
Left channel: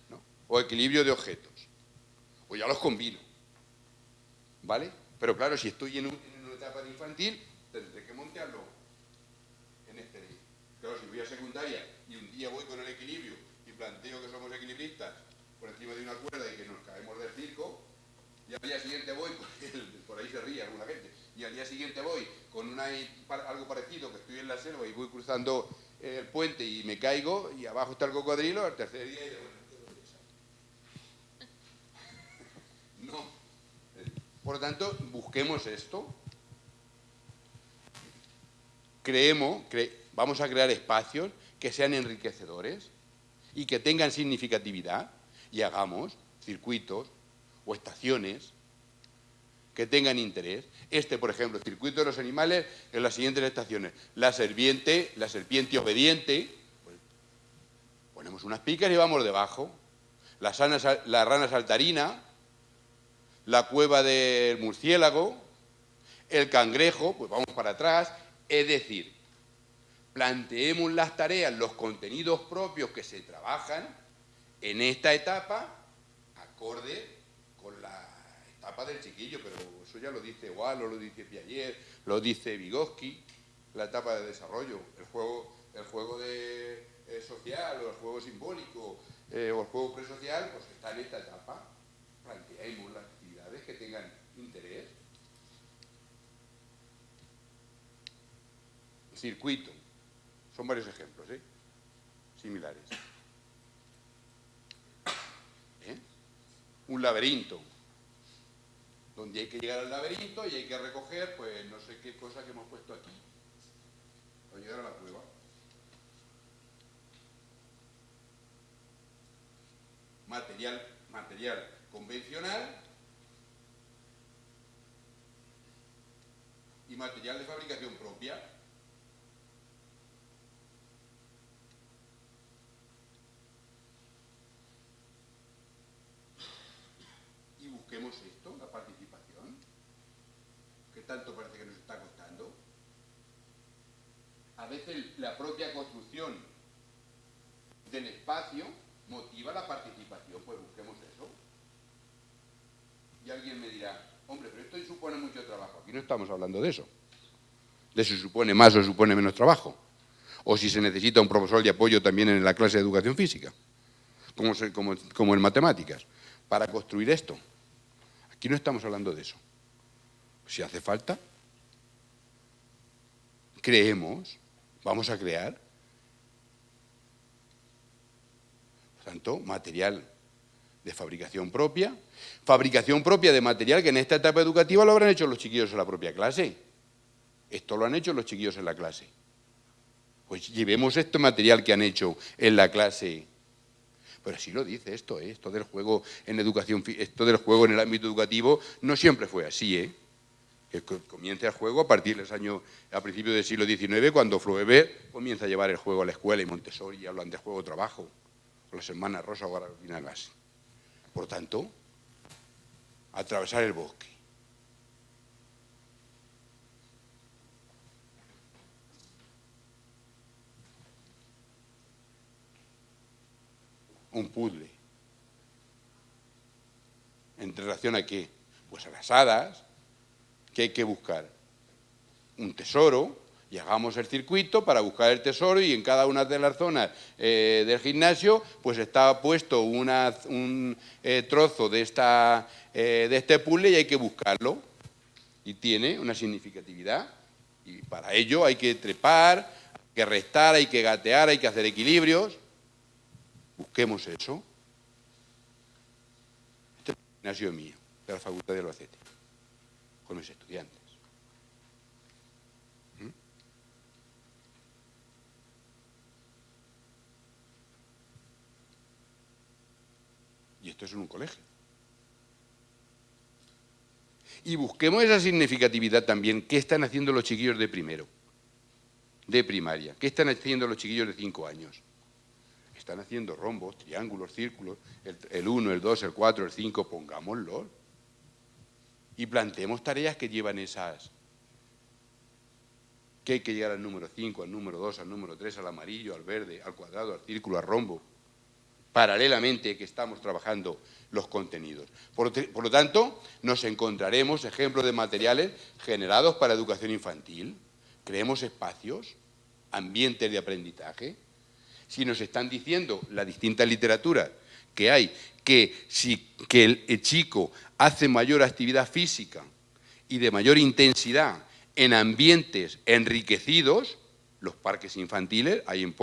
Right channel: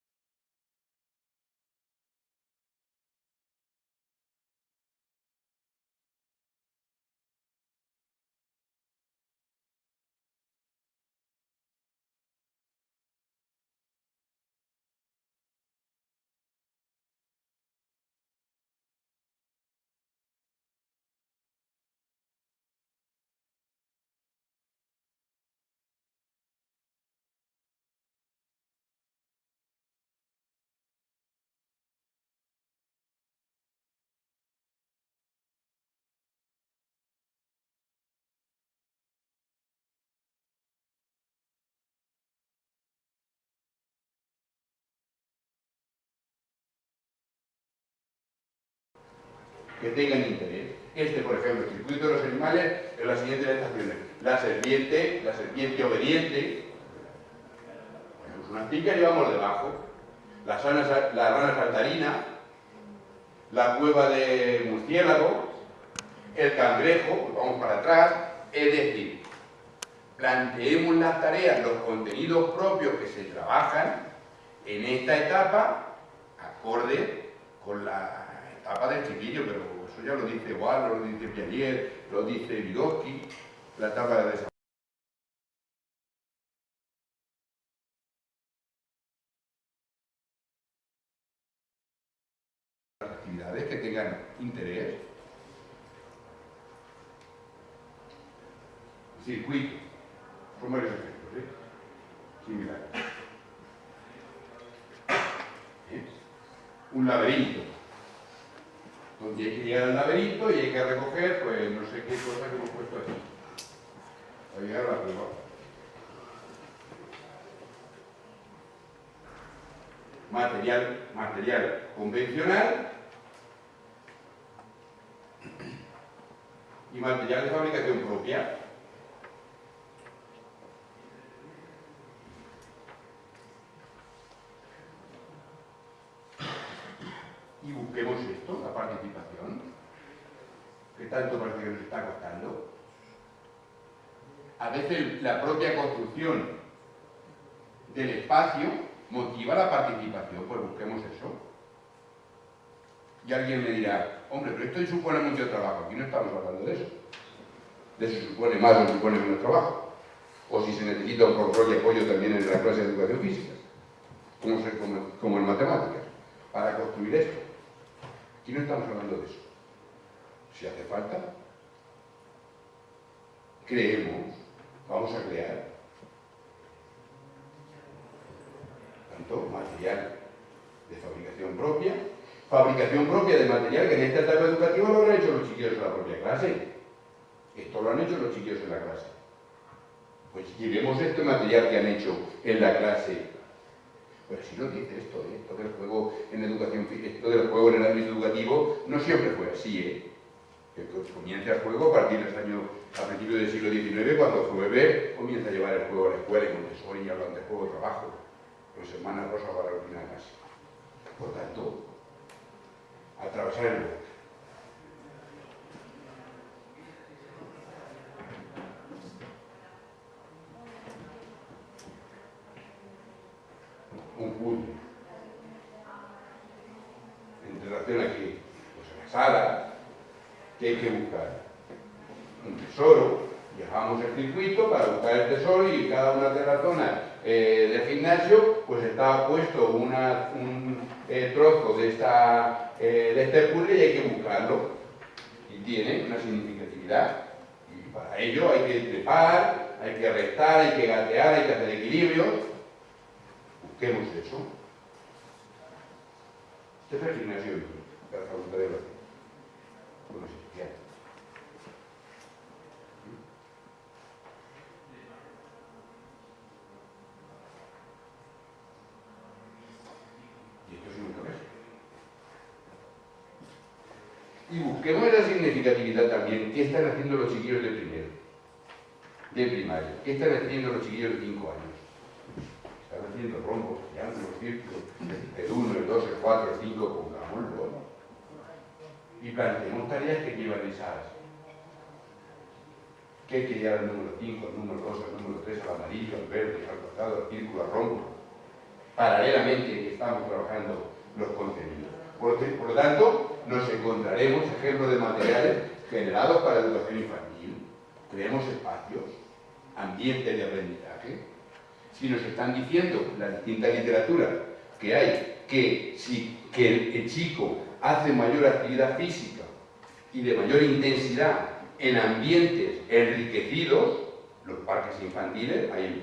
¿no? O equilibrio de objetos, o ya los combino, ¿vale? Pero claro, si estoy en una etapa etapa de infantil, tendré que montarlo en este día. Claro, si voy a secundaria y un día voy con el equilibrio y planteo que somos equilibristas por encima de una cuerda y que nos caemos del circo, y al día siguiente voy, por ahí se ríe alguna gente, y al día siguiente voy con algo parecido, que estoy en la selva y voy cruzando el puente y me caigo y abajo está el cocodrilo, al tercer día y de no. Por lo tanto, busquemos esto. Vamos a crear espacios que sean enriquecedores y que tengan significatividad y hagamos circuitos o estaciones que tengan interés. Por ejemplo, el circuito de los animales en las siguientes estaciones. La serpiente obediente. Ponemos unas picas y vamos debajo. La rana saltarina, la cueva del murciélago, el cangrejo, pues vamos para atrás. Es decir, planteemos las tareas, los contenidos propios que se trabajan en esta etapa, acorde con la etapa del chiquillo, pero eso ya lo dice Wallo, lo dice Piaget, lo dice Vygotsky, la etapa de desarrollo, el juego social, o el juego simbólico, o el juego presocial, pues está en esta etapa. Planteemos las actividades que tengan interés. Circuito. Son varios ejemplos, similares. Un laberinto, donde hay que llegar al laberinto y hay que recoger, pues, no sé qué cosa que hemos puesto aquí, para llegar a la prueba. Material convencional y material de fabricación propia. Y busquemos esto, la participación, que tanto parece que nos está costando. A veces la propia construcción del espacio motiva la participación, pues busquemos eso. Y alguien me dirá, hombre, pero esto supone mucho trabajo. Aquí no estamos hablando de eso. De eso supone más o supone menos trabajo. O si se necesita un profesor de apoyo también en la clase de educación física, como en matemáticas, para construir esto. Aquí no estamos hablando de eso. Si hace falta, creemos, vamos a crear. Tanto material de fabricación propia de material que en esta etapa educativa lo habrán hecho los chiquillos en la propia clase. Esto lo han hecho los chiquillos en la clase. Pues llevemos este material que han hecho en la clase. Pero si lo dice esto del juego en educación, esto del juego en el ámbito educativo no siempre fue así, Que comienza el juego a partir del año, a principios del siglo XIX, cuando Flaubert comienza a llevar el juego a la escuela y Montessori y hablan de juego-trabajo, con las hermanas Rosa o Carolina Casi. Por tanto, atravesar el bosque. Un puzzle. ¿En relación a qué? Pues a las hadas. ¿Qué hay que buscar? Un tesoro. Llegamos el circuito para buscar el tesoro y en cada una de las zonas del gimnasio pues está puesto un trozo de este puzzle y hay que buscarlo. Y tiene una significatividad. Y para ello hay que trepar, hay que restar, hay que gatear, hay que hacer equilibrios. Busquemos eso. Este es el gimnasio mío, de la Facultad de Albacete, con los estudiantes. Y esto es un colegio. Y busquemos esa significatividad también. ¿Qué están haciendo los chiquillos de primero? De primaria. ¿Qué están haciendo los chiquillos de 5 años? Están haciendo rombos, triángulos, círculos, el 1, el 2, el 4, el 5, pongámoslo. Y planteemos tareas que llevan esas. Que hay que llegar al número 5, al número 2, al número 3, al amarillo, al verde, al cuadrado, al círculo, al rombo. Paralelamente que estamos trabajando los contenidos. Por lo tanto, nos encontraremos ejemplos de materiales generados para educación infantil. Creemos espacios, ambientes de aprendizaje. Si nos están diciendo la distinta literatura que hay, que el chico hace mayor actividad física y de mayor intensidad en ambientes enriquecidos, los parques infantiles, hay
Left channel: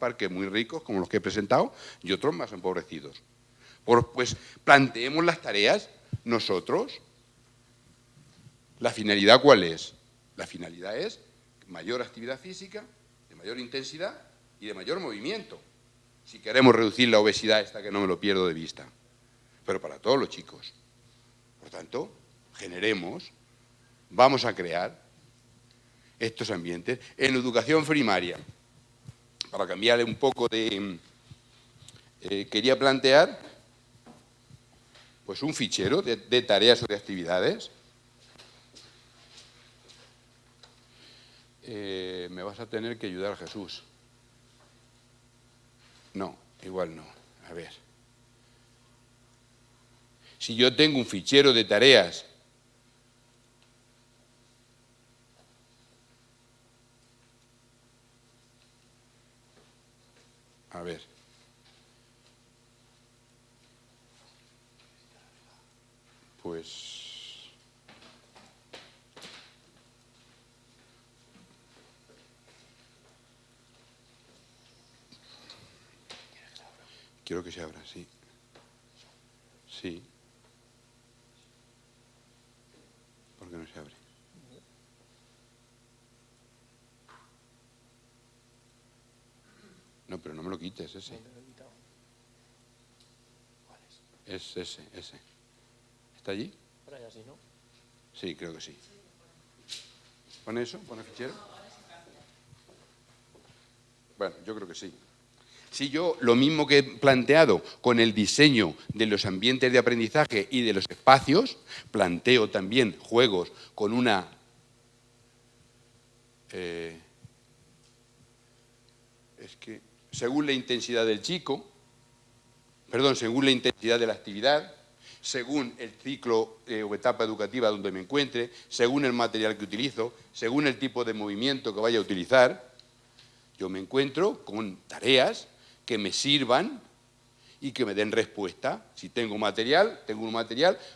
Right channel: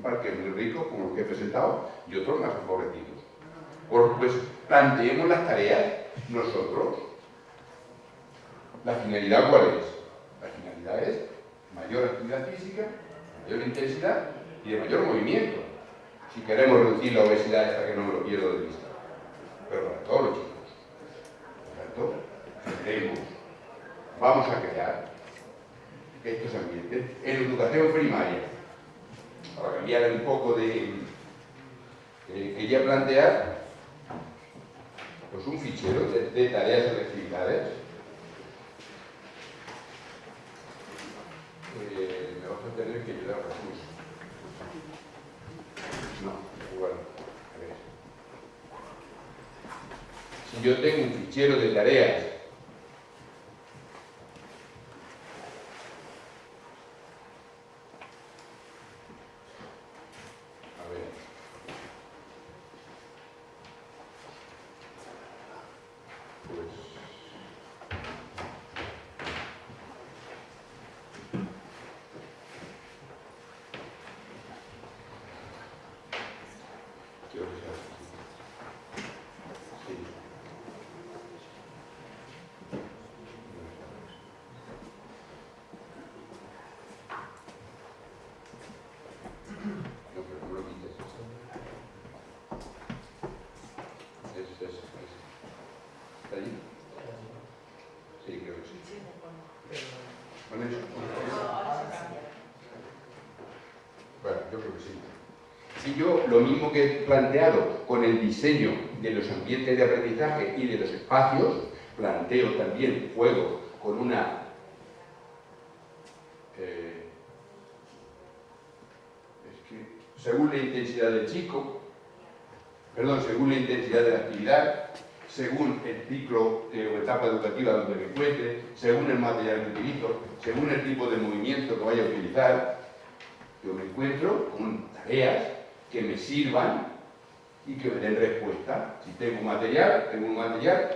parques muy ricos, como los que he presentado, y otros más empobrecidos. Pues planteemos las tareas nosotros. ¿La finalidad cuál es? La finalidad es mayor actividad física, mayor intensidad y de mayor movimiento. Si queremos reducir la obesidad, hasta que no me lo pierdo de vista. Pero para todos los chicos. Por tanto, generemos, vamos a crear estos ambientes. En educación primaria, para cambiar un poco de... quería plantear pues un fichero de tareas y de actividades. Me vas a tener que ayudar, Jesús. No, igual no. A ver. Si yo tengo un fichero de tareas a ver. Pues quiero que sea así. Sí. ¿Por qué no sea así? No, pero no me lo quites ese. Es ese. ¿Está allí? Sí, creo que sí. ¿Con eso? Bueno, yo creo que sí. Si yo, lo mismo que he planteado con el diseño de los ambientes de aprendizaje y de los espacios, planteo también juegos con una... es que, según la intensidad del chico, según la intensidad de la actividad, según el ciclo o etapa educativa donde me encuentre, según el material que utilizo, según el tipo de movimiento que vaya a utilizar, yo me encuentro con tareas que me sirvan y que me den respuesta. Si tengo un material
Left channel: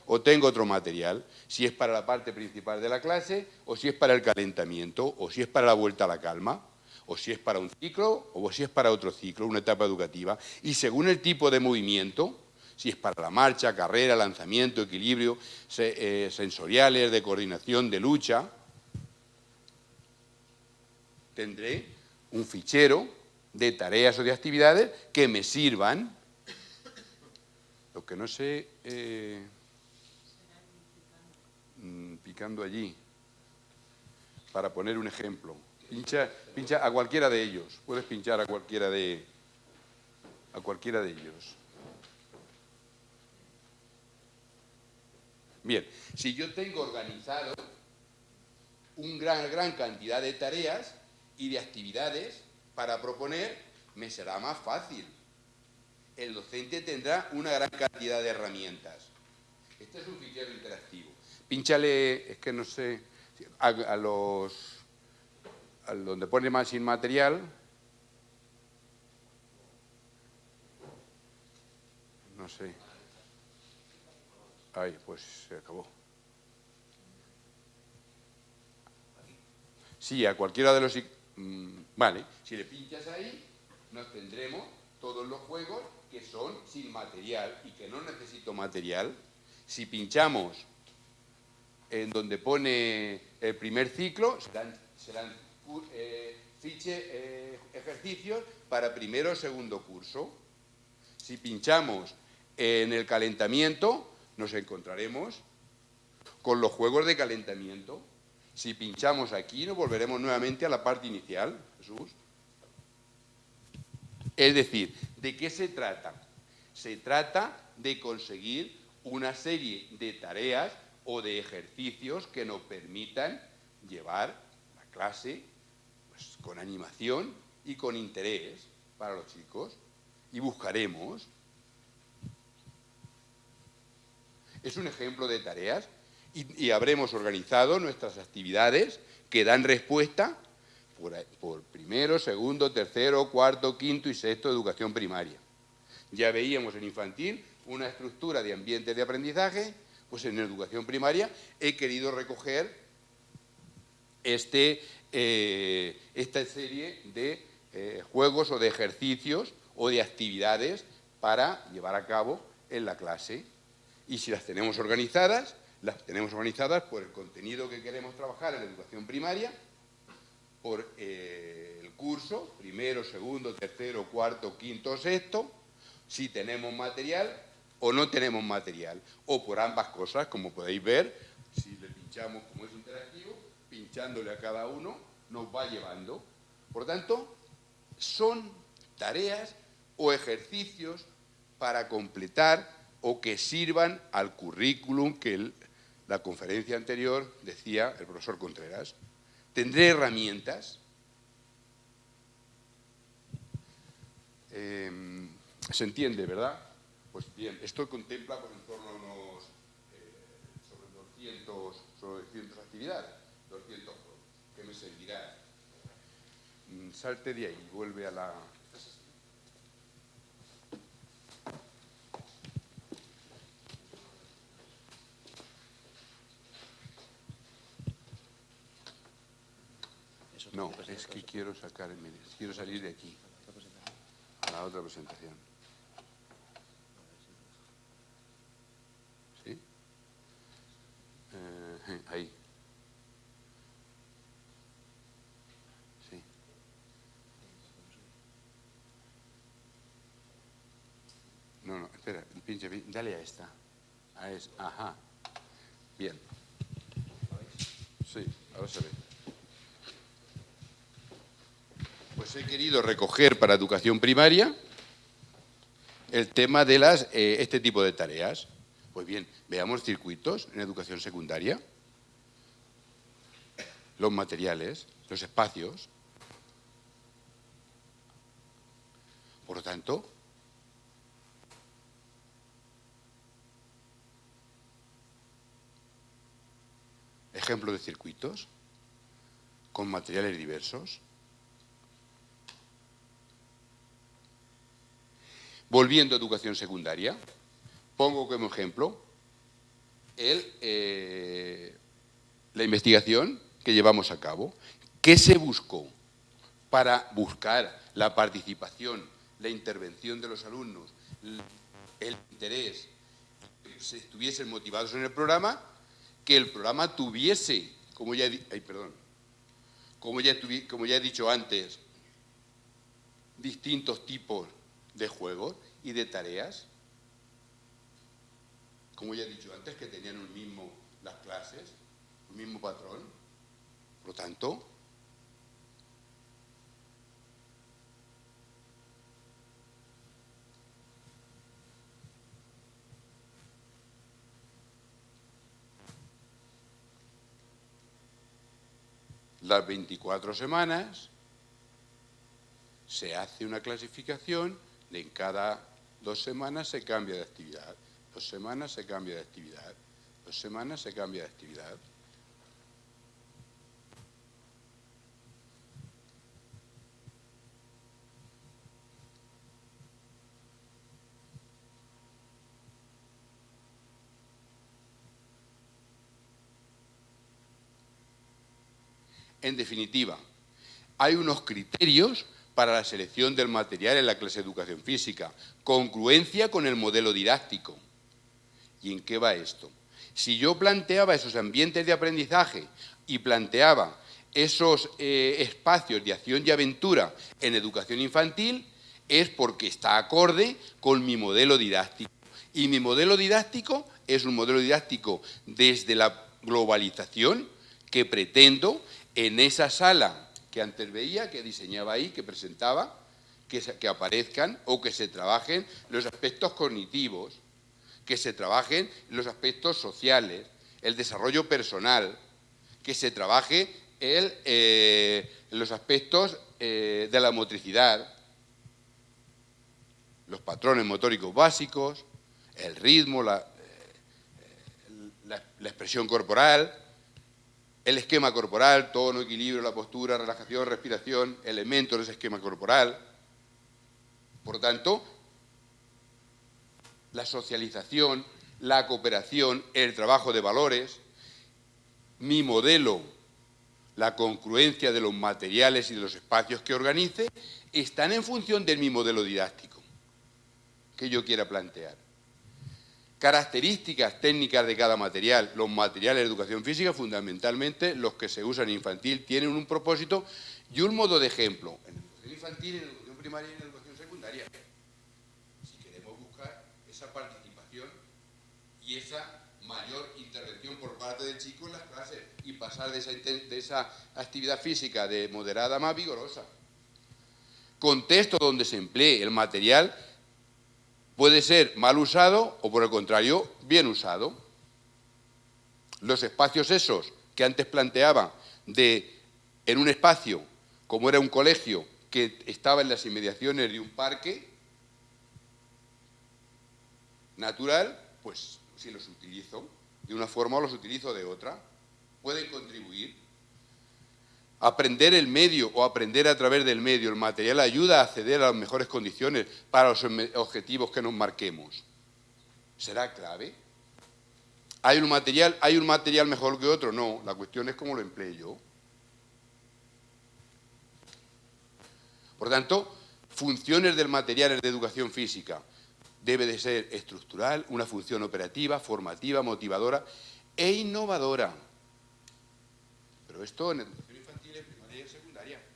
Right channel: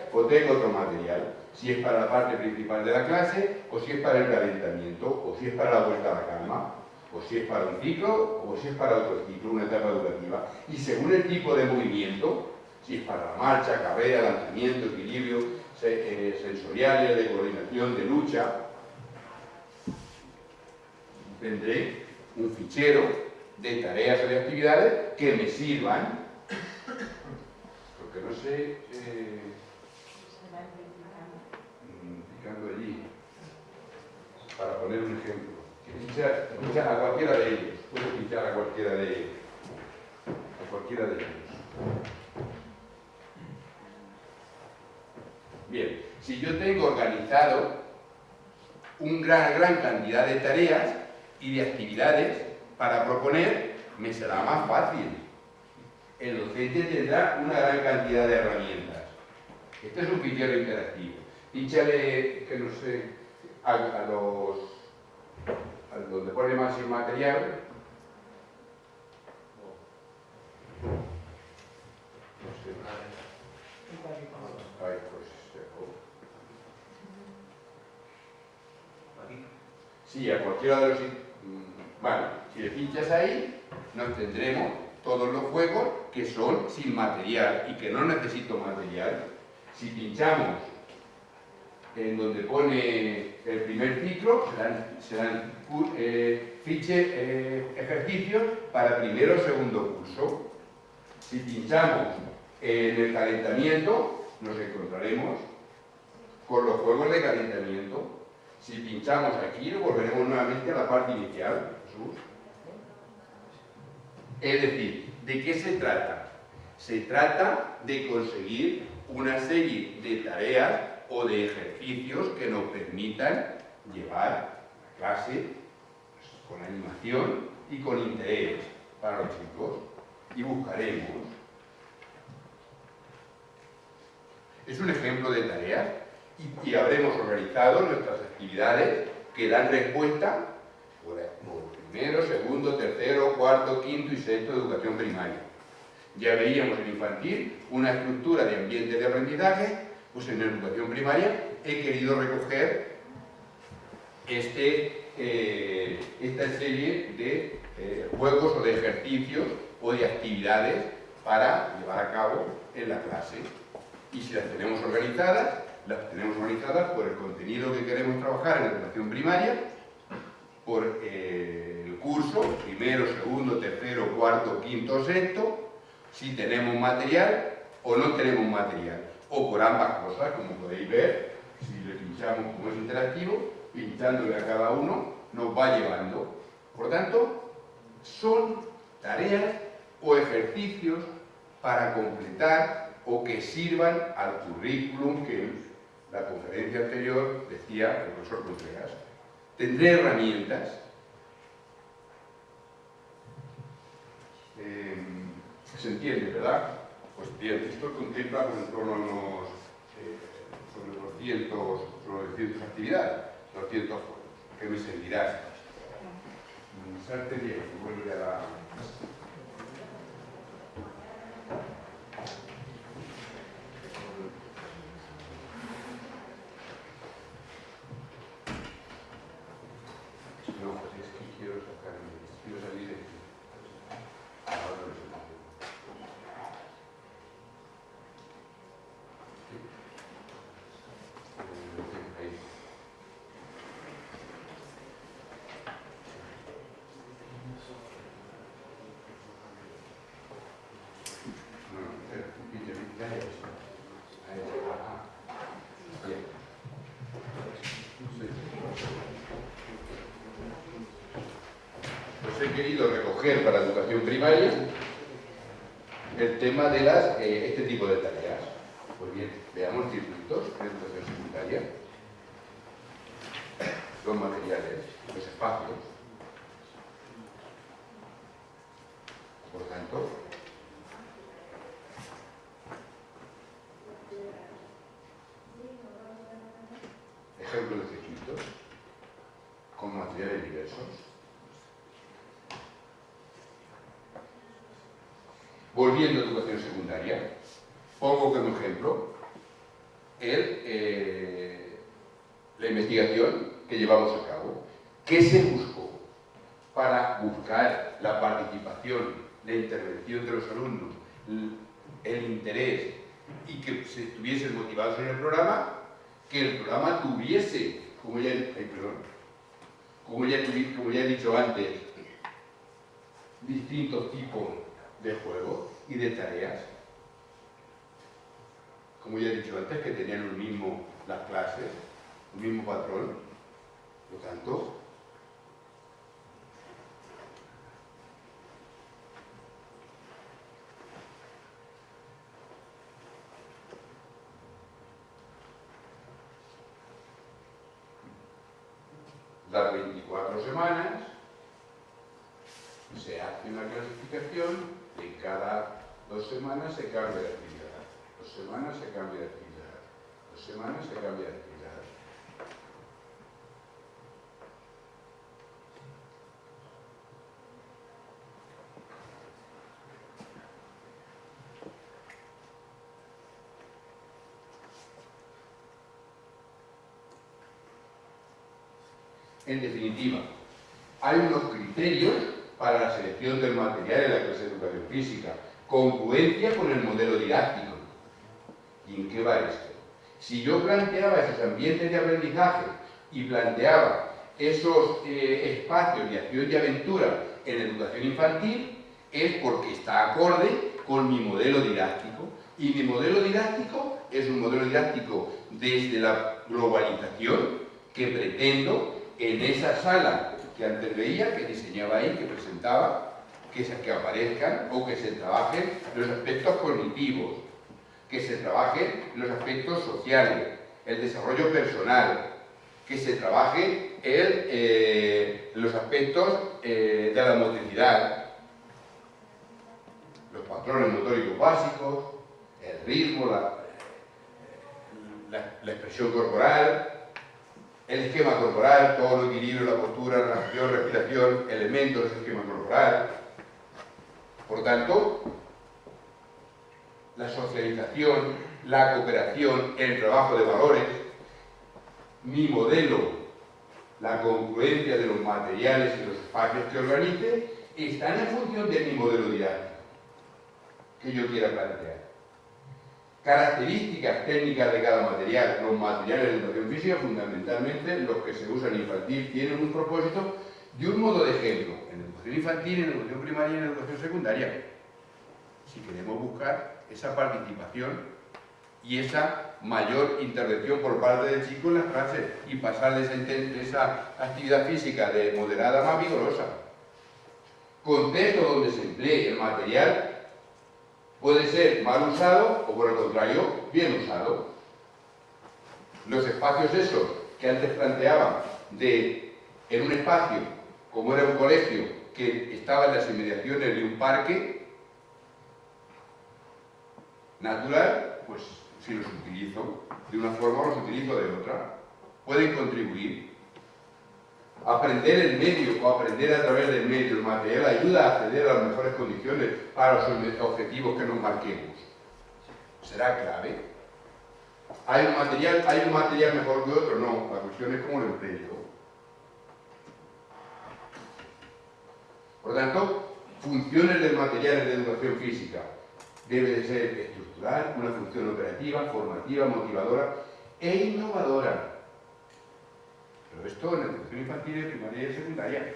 o tengo otro material. Si es para la parte principal de la clase, o si es para el calentamiento, o si es para la vuelta a la calma, o si es para un ciclo, o si es para otro ciclo, una etapa educativa. Y según el tipo de movimiento, si es para la marcha, carrera, lanzamiento, equilibrio, sensoriales, de coordinación, de lucha, tendré un fichero de tareas o de actividades que me sirvan. Lo que no sé, picando allí, para poner un ejemplo. Pincha a cualquiera de ellos. Puedes pinchar a cualquiera de ellos. Bien, si yo tengo organizado una gran cantidad de tareas y de actividades para proponer, me será más fácil. El docente tendrá una gran cantidad de herramientas. Este es un fichero interactivo. Pínchale, que no sé, a donde pone más inmaterial. No sé. Ay, pues se acabó. Sí, a cualquiera de los... Bueno, si le pinchas ahí, nos tendremos todos los juegos que son sin material y que no necesito material. Si pinchamos en donde pone el primer ciclo, serán ejercicios para primero o segundo curso. Si pinchamos en el calentamiento, nos encontraremos con los juegos de calentamiento. Si pinchamos aquí, volveremos nuevamente a la parte inicial. Es decir, ¿de qué se trata? Se trata de conseguir una serie de tareas o de ejercicios que nos permitan llevar la clase con animación y con interés para los chicos. Y buscaremos Es un ejemplo de tareas y habremos organizado nuestras actividades que dan respuesta por primero, segundo, tercero, cuarto, quinto y sexto de educación primaria. Ya veíamos en infantil una estructura de ambiente de aprendizaje, pues en la educación primaria he querido recoger esta serie de juegos o de ejercicios o de actividades para llevar a cabo en la clase. Y si las tenemos organizadas por el contenido que queremos trabajar en la educación primaria, por el curso, primero, segundo, tercero, cuarto, quinto, sexto, si tenemos material o no tenemos material, o por ambas cosas, como podéis ver, si le pinchamos como es interactivo, pinchándole a cada uno, nos va llevando. Por tanto, son tareas o ejercicios para completar o que sirvan al currículum que en la conferencia anterior decía el profesor Contreras. Tendré herramientas. ¿Se entiende, verdad? Pues bien, esto contempla pues, en torno a unos sobre 200 actividades, 200 juegos, que me servirán. Salte Diego, vuelve a la... No, es que quiero salir de aquí. Ahora lo sentiré. ¿Sí? Ahí. No, espera, pinche, dale a esta. A esa, ajá. Bien. Sí, no sé. Pues he querido recoger para educación primaria el tema de este tipo de tareas. Pues bien, veamos circuitos en educación secundaria, los materiales, los espacios. Por lo tanto, ejemplo de circuitos con materiales diversos. Volviendo a educación secundaria, pongo como ejemplo la investigación que llevamos a cabo. ¿Qué se buscó para buscar la participación, la intervención de los alumnos, el interés y que se estuviesen motivados en el programa? Que el programa tuviese, como ya he dicho antes, distintos tipos de juegos y de tareas. Como ya he dicho antes, que tenían lo mismo las clases, un mismo patrón. Por lo tanto, las 24 semanas se hace una clasificación, de cada 2 semanas se cambia de actividad, 2 semanas se cambia de actividad, 2 semanas se cambia de actividad. En definitiva, hay unos criterios para la selección del material en la clase de educación física, congruencia con el modelo didáctico. ¿Y en qué va esto? Si yo planteaba esos ambientes de aprendizaje y planteaba esos espacios de acción y aventura en educación infantil, es porque está acorde con mi modelo didáctico. Y mi modelo didáctico es un modelo didáctico desde la globalización que pretendo en esa sala que antes veía, que diseñaba ahí, que presentaba, que aparezcan o que se trabajen los aspectos cognitivos, que se trabajen los aspectos sociales, el desarrollo personal, que se trabaje los aspectos de la motricidad, los patrones motóricos básicos, el ritmo, la expresión corporal, el esquema corporal, todo el equilibrio, la postura, relajación, respiración, elementos del esquema corporal. Por tanto, la socialización, la cooperación, el trabajo de valores, mi modelo, la congruencia de los materiales y los espacios que organice, están en función de mi modelo didáctico que yo quiera plantear. Características técnicas de cada material. Los materiales de educación física, fundamentalmente los que se usan en infantil, tienen un propósito y un modo de ejemplo. En educación infantil, en educación primaria y en educación secundaria. Si queremos buscar esa participación y esa mayor intervención por parte del chico en las clases y pasar de esa actividad física de moderada a más vigorosa. Contexto donde se emplee el material puede ser mal usado o, por el contrario, bien usado. Los espacios esos que antes planteaban en un espacio, como era un colegio, que estaba en las inmediaciones de un parque natural, pues si los utilizo de una forma o los utilizo de otra. Pueden contribuir. Aprender el medio o aprender a través del medio, el material ayuda a acceder a las mejores condiciones para los objetivos que nos marquemos. ¿Será clave? ¿Hay un material mejor que otro? No, la cuestión es cómo lo empleo yo. Por tanto, funciones del material de educación física. Debe de ser estructural, una función operativa, formativa, motivadora e innovadora. Pero esto en la educación infantil, primaria y secundaria,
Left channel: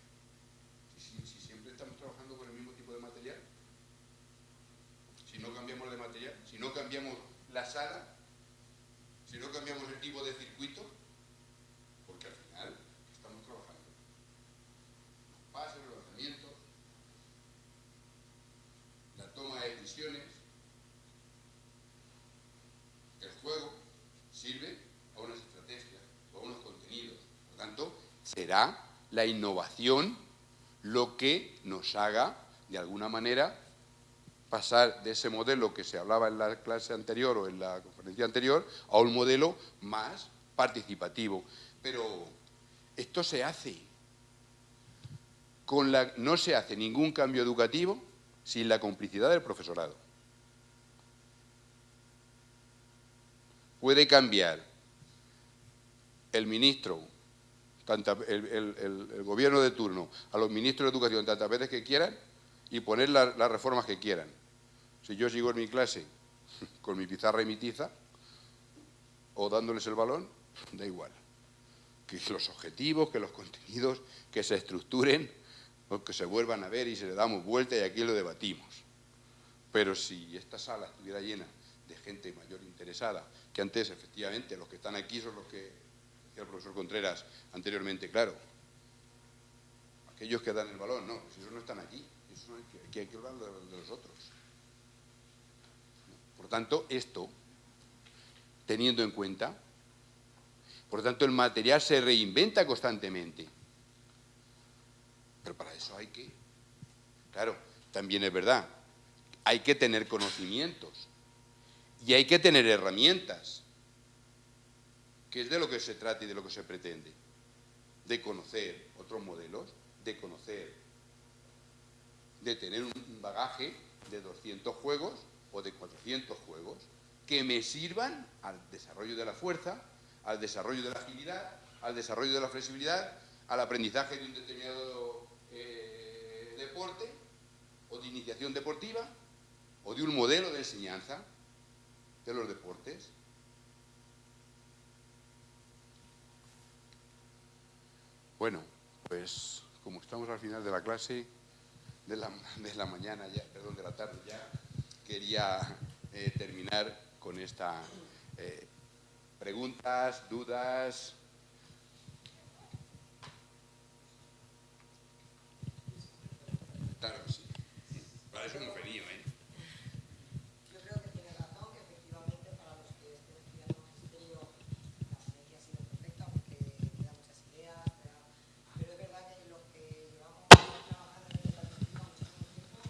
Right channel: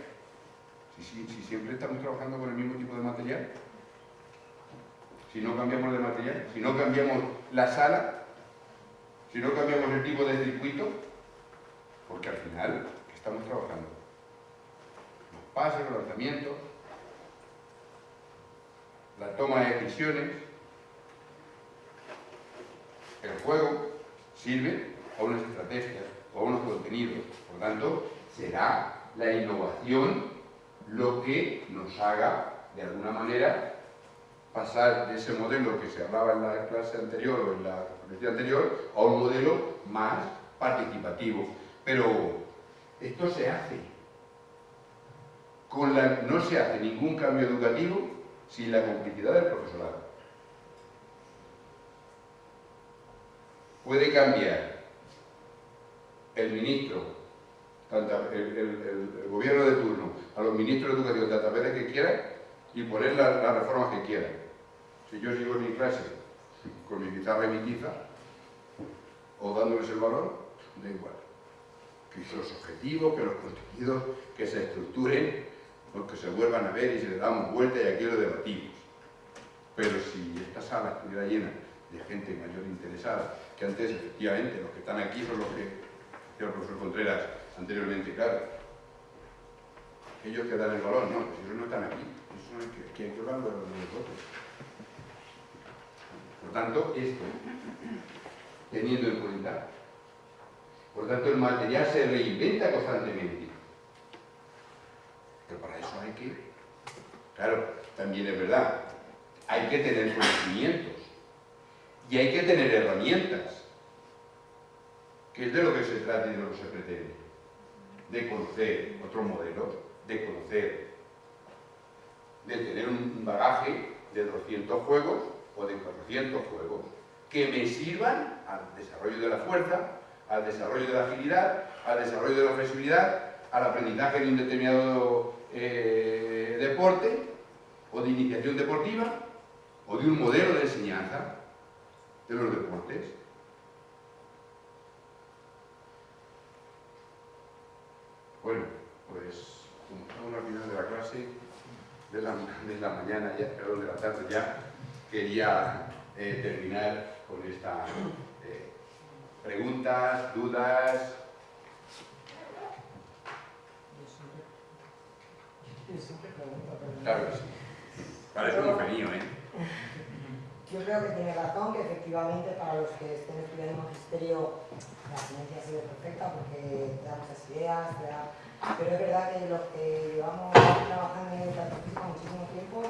si siempre estamos trabajando con el mismo tipo de material, si no cambiamos de material, si no cambiamos la sala, si no cambiamos el tipo de circuito, porque al final estamos trabajando. Los pases, los lanzamientos, la toma de decisiones, el juego sirve a unas estrategias o a unos contenidos. Por tanto, será la innovación lo que nos haga, de alguna manera, pasar de ese modelo que se hablaba en la clase anterior o en la conferencia anterior a un modelo más participativo. Pero esto se hace. No se hace ningún cambio educativo sin la complicidad del profesorado. Puede cambiar el ministro, el gobierno de turno, a los ministros de educación tantas veces que quieran y poner las reformas que quieran. Si yo sigo en mi clase con mi pizarra y mi tiza, o dándoles el balón, da igual. Que los objetivos, que los contenidos, que se estructuren, o que se vuelvan a ver y se le dan vuelta y aquí lo debatimos. Pero si esta sala estuviera llena de gente mayor interesada, que antes efectivamente los que están aquí son los que decía el profesor Contreras anteriormente, claro, ellos que dan el balón, no, pues ellos no están aquí, ellos son los que hay que hablar de nosotros. Por tanto, esto, teniendo en cuenta, por tanto, el material se reinventa constantemente. Pero para eso hay que, claro, también es verdad, hay que tener conocimientos y hay que tener herramientas, que es de lo que se trata y de lo que se pretende, de conocer otros modelos, de conocer, de tener un bagaje de 200 juegos o de 400 juegos que me sirvan al desarrollo de la fuerza, al desarrollo de la agilidad, al desarrollo de la flexibilidad, al aprendizaje de un determinado deporte o de iniciación deportiva o de un modelo de enseñanza de los deportes. Bueno, pues como estamos al final de la clase de la mañana, ya, perdón, de la tarde ya, quería terminar con estas preguntas, dudas. Claro que sí. Parece un genio, ¿eh? Yo creo que tiene razón, que efectivamente para los que estén estudiando magisterio la ponencia ha sido perfecta porque da muchas ideas, pero es verdad que los que llevamos trabajando en el participio muchísimo tiempo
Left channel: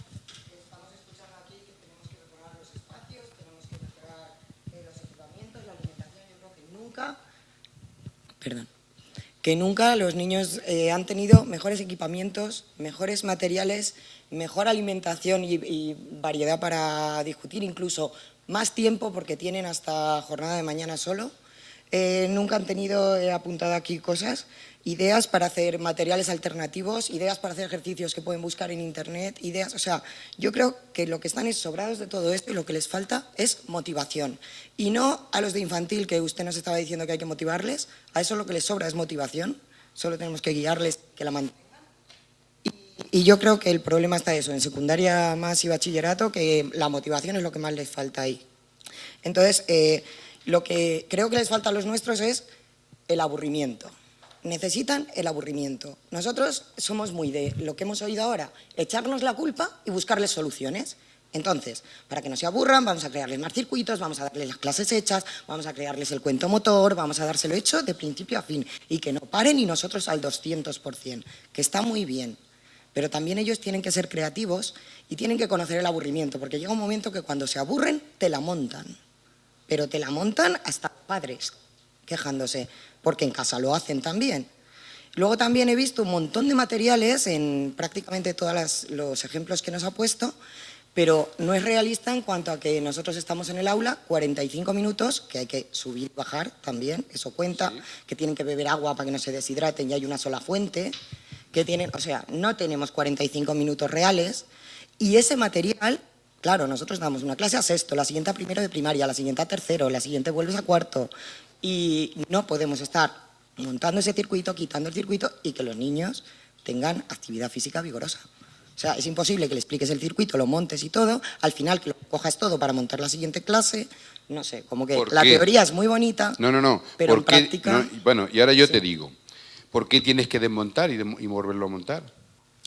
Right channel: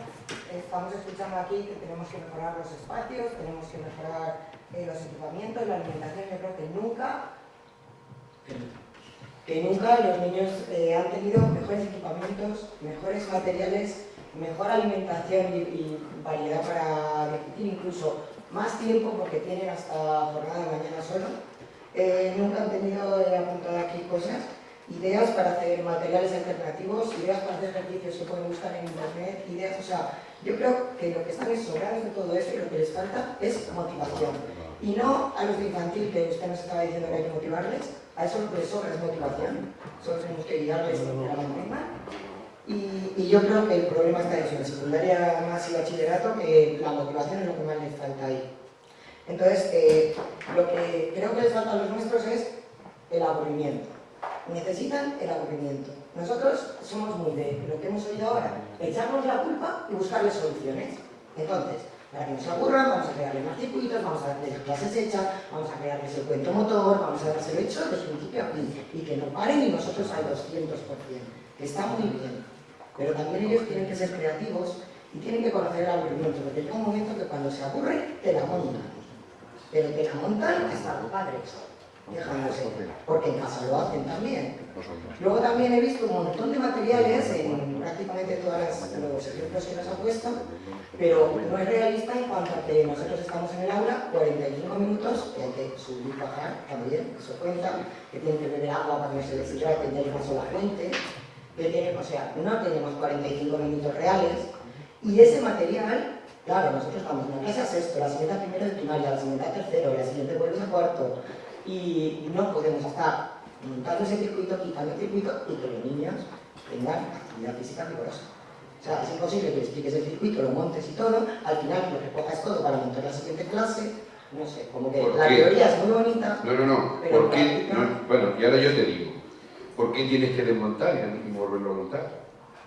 estamos escuchando aquí que tenemos que mejorar los espacios, tenemos que mejorar los equipamientos, la alimentación, yo creo que nunca los niños han tenido mejores equipamientos, mejores materiales, mejor alimentación y variedad para discutir, incluso más tiempo porque tienen hasta jornada de mañana solo. Nunca han tenido, he apuntado aquí cosas, ideas para hacer materiales alternativos, ideas para hacer ejercicios que pueden buscar en internet, ideas, o sea, yo creo que lo que están es sobrados de todo esto y lo que les falta es motivación. Y no a los de infantil, que usted nos estaba diciendo que hay que motivarles, a eso lo que les sobra es motivación, solo tenemos que guiarles, que la mantengan. Y yo creo que el problema está eso, en secundaria más y bachillerato, que la motivación es lo que más les falta ahí. Entonces, lo que creo que les falta a los nuestros es el aburrimiento. Necesitan el aburrimiento. Nosotros somos muy de lo que hemos oído ahora, echarnos la culpa y buscarles soluciones. Entonces, para que no se aburran, vamos a crearles más circuitos, vamos a darles las clases hechas, vamos a crearles el cuento motor, vamos a dárselo hecho de principio a fin y que no paren y nosotros al 200%, que está muy bien. Pero también ellos tienen que ser creativos y tienen que conocer el aburrimiento, porque llega un momento que cuando se aburren, te la montan. Pero te la montan hasta los padres, quejándose, porque en casa lo hacen también. Luego también he visto un montón de materiales en prácticamente todos los ejemplos que nos ha puesto, pero no es realista en cuanto a que nosotros estamos en el aula 45 minutos, que hay que subir y bajar también, eso cuenta, que tienen que beber agua para que no se deshidraten y hay una sola fuente, que tienen, o sea, no tenemos 45 minutos reales, y ese material, claro, nosotros damos una clase a sexto, la siguiente a primero de primaria, la siguiente a tercero, la siguiente vuelves a cuarto, y no podemos estar montando ese circuito, quitando el circuito y que los niños tengan actividad física vigorosa. O sea, es imposible que le expliques el circuito, lo montes y todo, al final que lo cojas todo para montar la siguiente clase, no sé, como que la teoría es muy bonita, pero en práctica... Bueno, y ahora yo te digo, ¿por qué tienes que desmontar y volverlo a montar?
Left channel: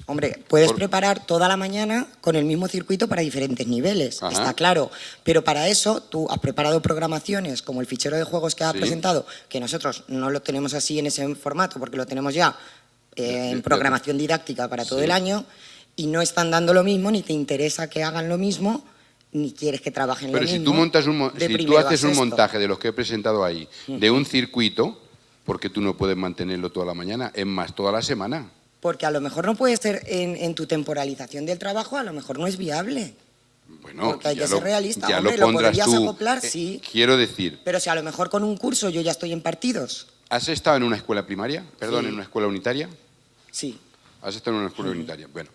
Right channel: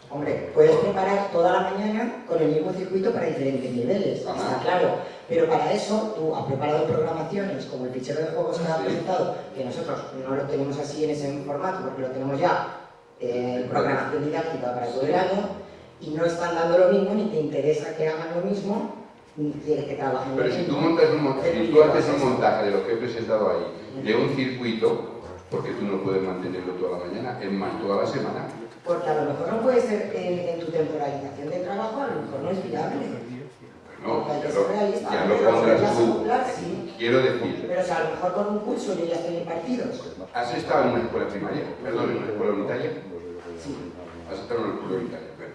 Hombre, puedes preparar toda la mañana con el mismo circuito para diferentes niveles, está claro, pero para eso tú has preparado programaciones como el fichero de juegos que has presentado, que nosotros no lo tenemos así en ese formato porque lo tenemos ya en programación didáctica para todo el año y no están dando lo mismo, ni te interesa que hagan lo mismo, ni quieres que trabajen lo mismo. Pero si tú haces un montaje de lo que he presentado ahí, de un circuito, porque tú no puedes mantenerlo toda la mañana, es más, toda la semana. Porque a lo mejor no puede ser en tu temporalización del trabajo, a lo mejor no es viable. Bueno, porque hay que ser realista. Ya hombre, lo pondrás podrías tú. acoplar, sí. Quiero decir... Pero si a lo mejor con un curso yo ya estoy en partidos. ¿Has estado en una escuela primaria? Perdón, ¿en una escuela unitaria? Sí. ¿Has estado en una escuela unitaria? Bueno,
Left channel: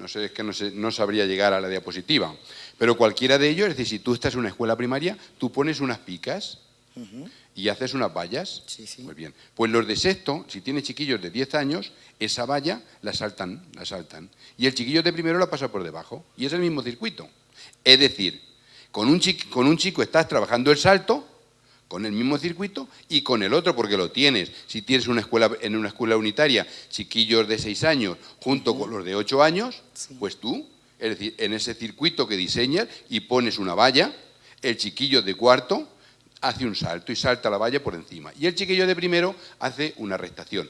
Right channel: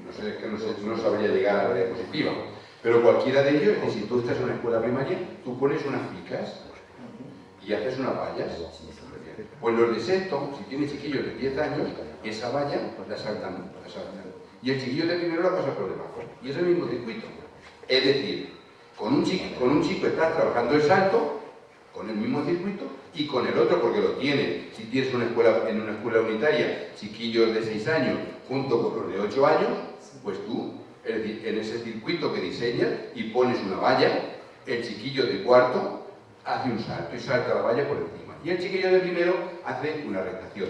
no sé, es que no sabría llegar a la diapositiva. Pero cualquiera de ellos, es decir, si tú estás en una escuela primaria, tú pones unas picas y haces unas vallas. Sí. Muy bien. Pues los de sexto, si tienen chiquillos de 10 años, esa valla la saltan. Y el chiquillo de primero la pasa por debajo. Y es el mismo circuito. Es decir, con un chico estás trabajando el salto, con el mismo circuito, y con el otro, porque lo tienes. Si tienes en una escuela unitaria, chiquillos de 6 años, junto con los de 8 años, pues tú, es decir, en ese circuito que diseñas y pones una valla, el chiquillo de cuarto hace un salto y salta la valla por encima. Y el chiquillo de primero hace una restación.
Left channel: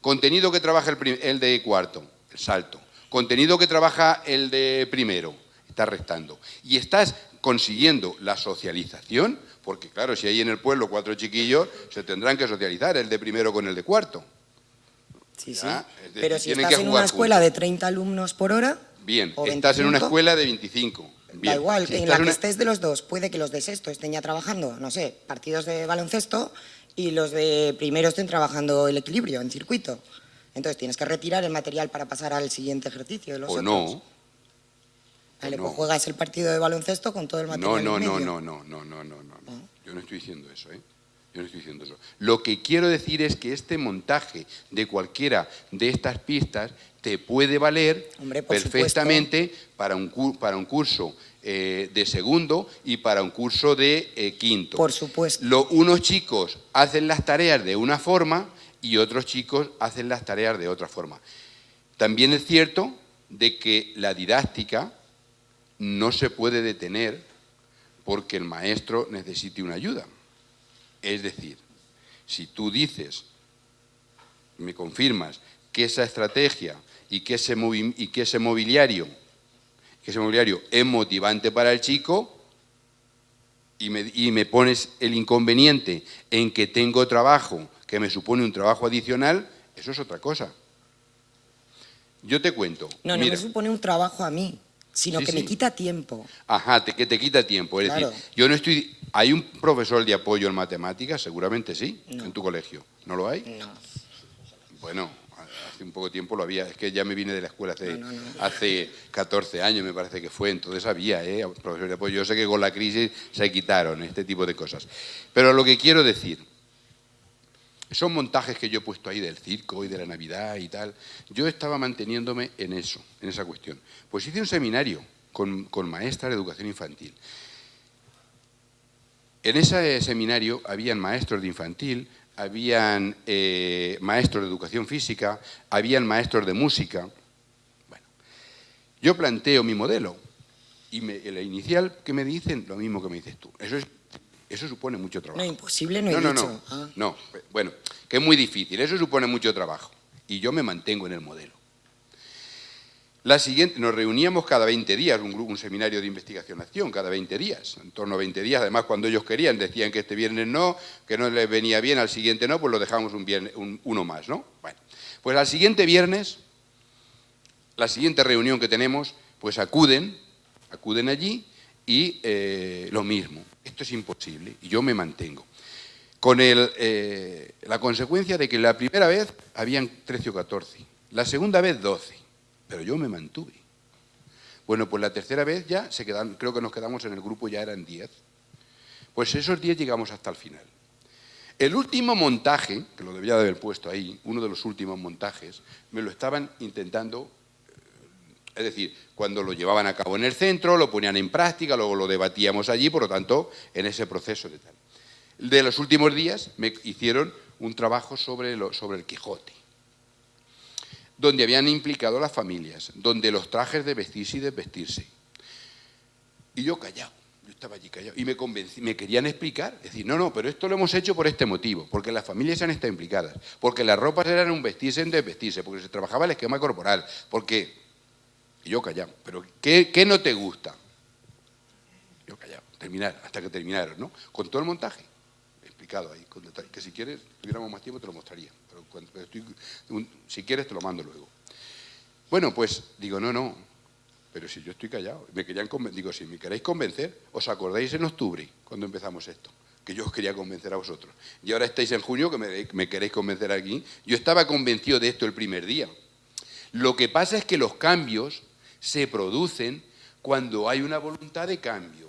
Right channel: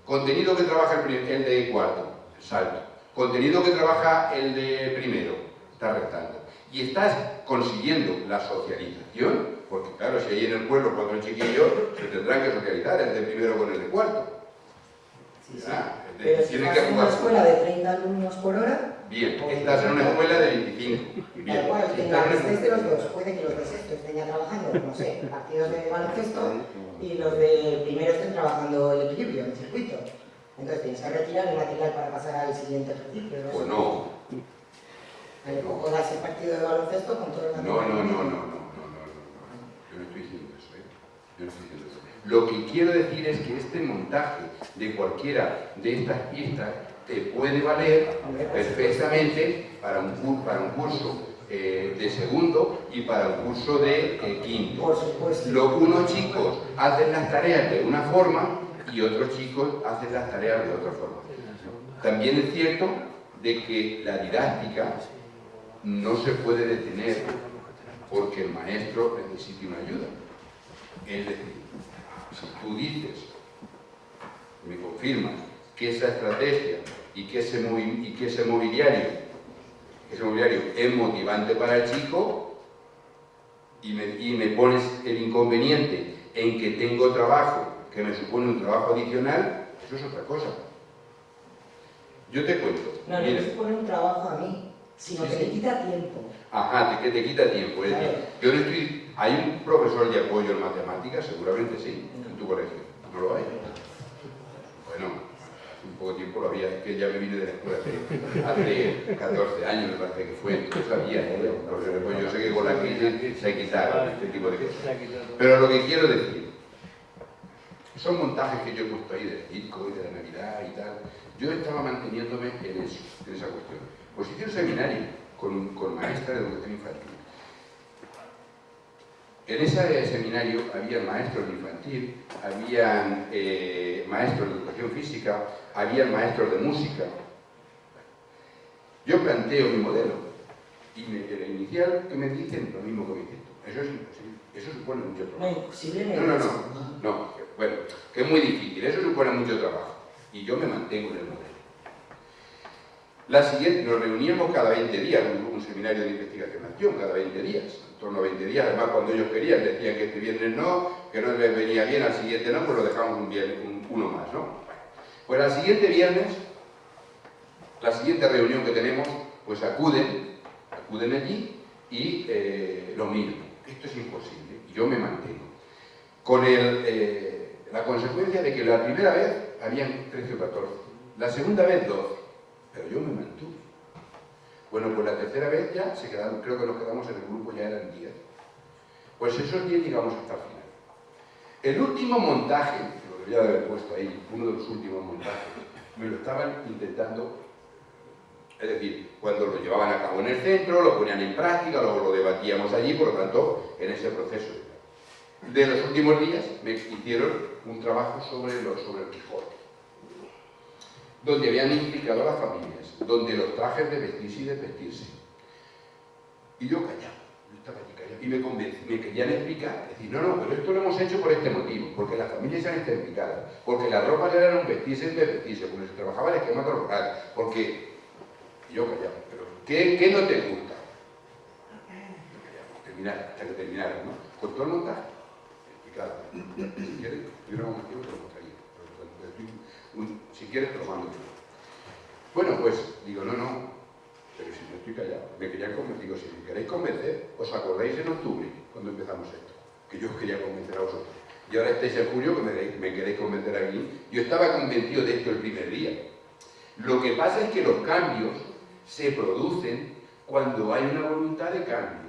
Contenido que trabaja el de cuarto, el salto. Contenido que trabaja el de primero, está restando. Y estás consiguiendo la socialización, porque claro, si hay en el pueblo 4 chiquillos, se tendrán que socializar el de primero con el de cuarto. Sí. Pero si estás en una escuela de 30 alumnos por hora... Bien, estás en una escuela de 25. Bien. Da igual, en la que estés de los dos, puede que los de sexto estén ya trabajando, no sé, partidos de baloncesto y los de primero estén trabajando el equilibrio, en circuito. Entonces tienes que retirar el material para pasar al siguiente ejercicio de los otros. No. Vale, pues juegas el partido de baloncesto con todo el material. No. Yo no estoy diciendo eso, Yo no estoy diciendo eso. Lo que quiero decir es que este montaje de cualquiera de estas pistas te puede valer perfectamente para un curso de segundo y para un curso de quinto. Por supuesto. Unos chicos hacen las tareas de una forma y otros chicos hacen las tareas de otra forma. También es cierto de que la didáctica no se puede detener porque el maestro necesite una ayuda. Es decir, si tú dices, me confirmas, que esa estrategia y que ese mobiliario es motivante para el chico y me pones el inconveniente en que tengo trabajo, que me supone un trabajo adicional, eso es otra cosa. Yo te cuento. No, no me supone un trabajo a mí, sino que me quita tiempo. Ajá, que te quita tiempo. Es claro. decir, yo no estoy... ¿Hay un profesor de apoyo en matemáticas? Seguramente sí, no. En tu colegio. ¿No lo hay? No. Bueno, hace un poco de tiempo lo había. Es que ya me vine de la escuela hace 14 años, me parece que fue. Entonces había un profesor de apoyo. Yo sé que con la crisis se quitaron este tipo de cosas. Pero lo que quiero decir, son montajes que yo he puesto ahí del circo y de la Navidad y tal. Yo estaba manteniéndome en eso, en esa cuestión. Pues hice un seminario con maestras de educación infantil. En ese seminario habían maestros de infantil, habían maestros de educación física, habían maestros de música. Bueno, yo planteo mi modelo y el inicial que me dicen lo mismo que me dices tú. Eso supone mucho trabajo. No, imposible no he dicho. No, bueno, que es muy difícil, eso supone mucho trabajo. Y yo me mantengo en el modelo. La siguiente, nos reuníamos cada 20 días, un seminario de investigación-acción, cada 20 días, en torno a 20 días. Además, cuando ellos querían, decían que este viernes no, que no les venía bien, al siguiente no, pues lo dejamos uno más, ¿no? Bueno, pues al siguiente viernes, la siguiente reunión que tenemos, pues acuden allí y lo mismo. Esto es imposible, y yo me mantengo. Con la consecuencia de que la primera vez habían 13 o 14, la segunda vez 12. Pero yo me mantuve. Bueno, pues la tercera vez ya se quedaron, creo que nos quedamos en el grupo, ya eran 10. Pues esos 10 llegamos hasta el final. El último montaje, que lo debía de haber puesto ahí, uno de los últimos montajes, me lo estaban intentando, es decir, cuando lo llevaban a cabo en el centro, lo ponían en práctica, luego lo debatíamos allí, por lo tanto, en ese proceso. De los últimos días me hicieron un trabajo sobre el Quijote, donde habían implicado a las familias, donde los trajes de vestirse y desvestirse. Y yo callado, yo estaba allí callado. Y me querían explicar, decir, no, pero esto lo hemos hecho por este motivo, porque las familias han estado implicadas, porque las ropas eran un vestirse y desvestirse, porque se trabajaba el esquema corporal, porque... Y yo callado, pero ¿qué no te gusta? Yo callado, hasta que terminara, ¿no? Con todo el montaje, explicado. Que si quieres, tuviéramos más tiempo, te lo mostraría. Si quieres te lo mando. Bueno, pues digo, no, pero si yo estoy callado, me querían convencer. Digo, si me queréis convencer, ¿os acordáis en octubre, cuando empezamos esto? Que yo os quería convencer a vosotros. Y ahora estáis en junio, que me queréis convencer aquí. Yo estaba convencido de esto el primer día. Lo que pasa es que los cambios se producen cuando hay una voluntad de cambio,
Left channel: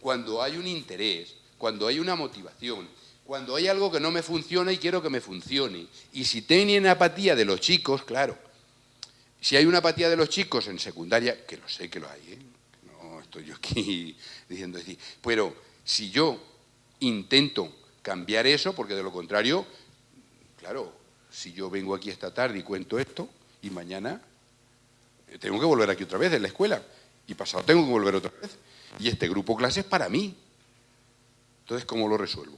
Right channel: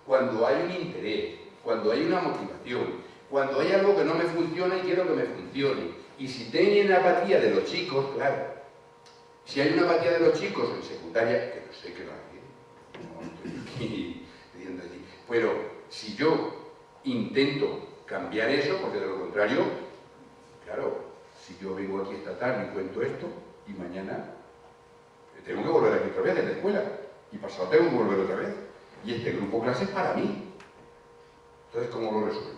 cuando hay un interés, cuando hay una motivación, cuando hay algo que no me funciona y quiero que me funcione. Y si tienen apatía de los chicos, claro, si hay una apatía de los chicos en secundaria, que no sé que lo hay, no estoy yo aquí diciendo así, pero si yo intento cambiar eso, porque de lo contrario, claro, si yo vengo aquí esta tarde y cuento esto, y mañana tengo que volver aquí otra vez en la escuela, y pasado tengo que volver otra vez, y este grupo clase es para mí. Entonces, ¿cómo lo resuelvo?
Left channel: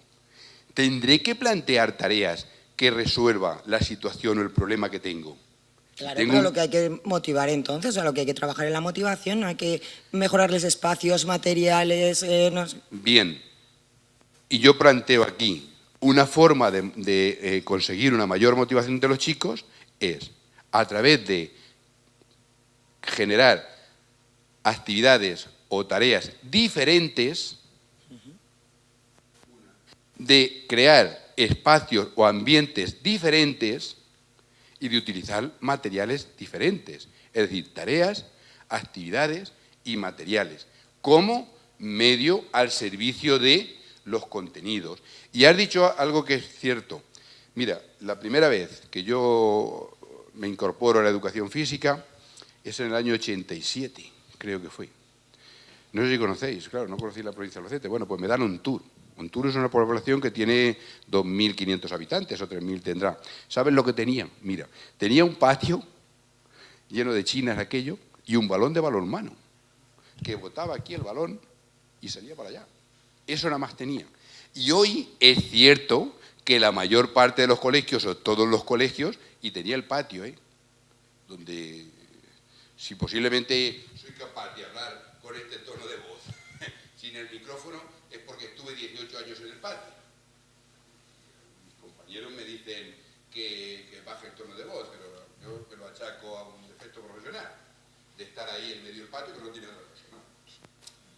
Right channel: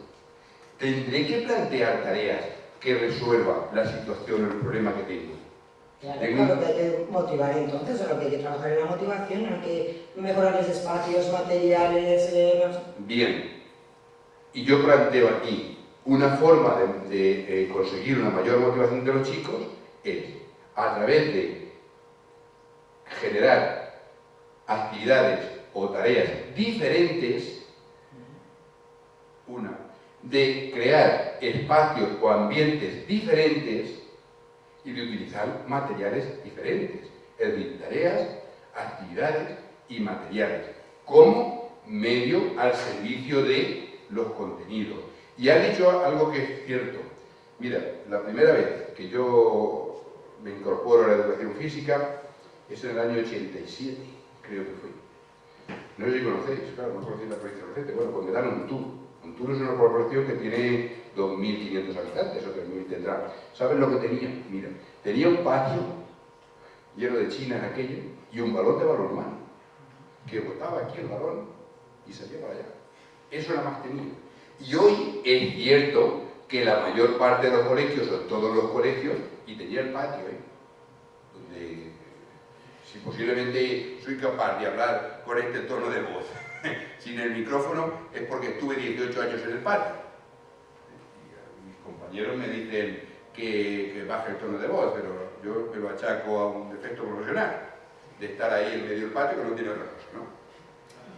Tendré que plantear tareas que resuelvan la situación o el problema que tengo. Claro, pero lo que hay que motivar entonces, o lo que hay que trabajar en la motivación, hay que mejorarles espacios, materiales, no sé. Bien, y yo planteo aquí una forma de conseguir una mayor motivación de los chicos es a través de generar actividades o tareas diferentes, de crear espacios o ambientes diferentes y de utilizar materiales diferentes, es decir, tareas, actividades y materiales, como medio al servicio de los contenidos. Y has dicho algo que es cierto. Mira, la primera vez que yo me incorporo a la educación física es en el año 87, creo que fue. No sé si conocéis, claro, no conocéis la provincia de Albacete. Bueno, pues me dan un tour. Un tour es una población que tiene 2.500 habitantes o 3.000 tendrá. ¿Saben lo que tenía? Mira, tenía un patio lleno de chinas aquello y un balón de balonmano que botaba aquí el balón y se llevaba allá. Eso nada más tenía. Y hoy es cierto que la mayor parte de los colegios, o todos los colegios, y tenía el patio, donde si posiblemente soy capaz de hablar con este tono de voz, sin el micrófono es porque estuve 18 años en el paro. Mis compañeros me dicen que baje el tono de voz, pero yo me lo achaco a un defecto profesional, de estar ahí en medio del patio que no tiene otra cosa, ¿no?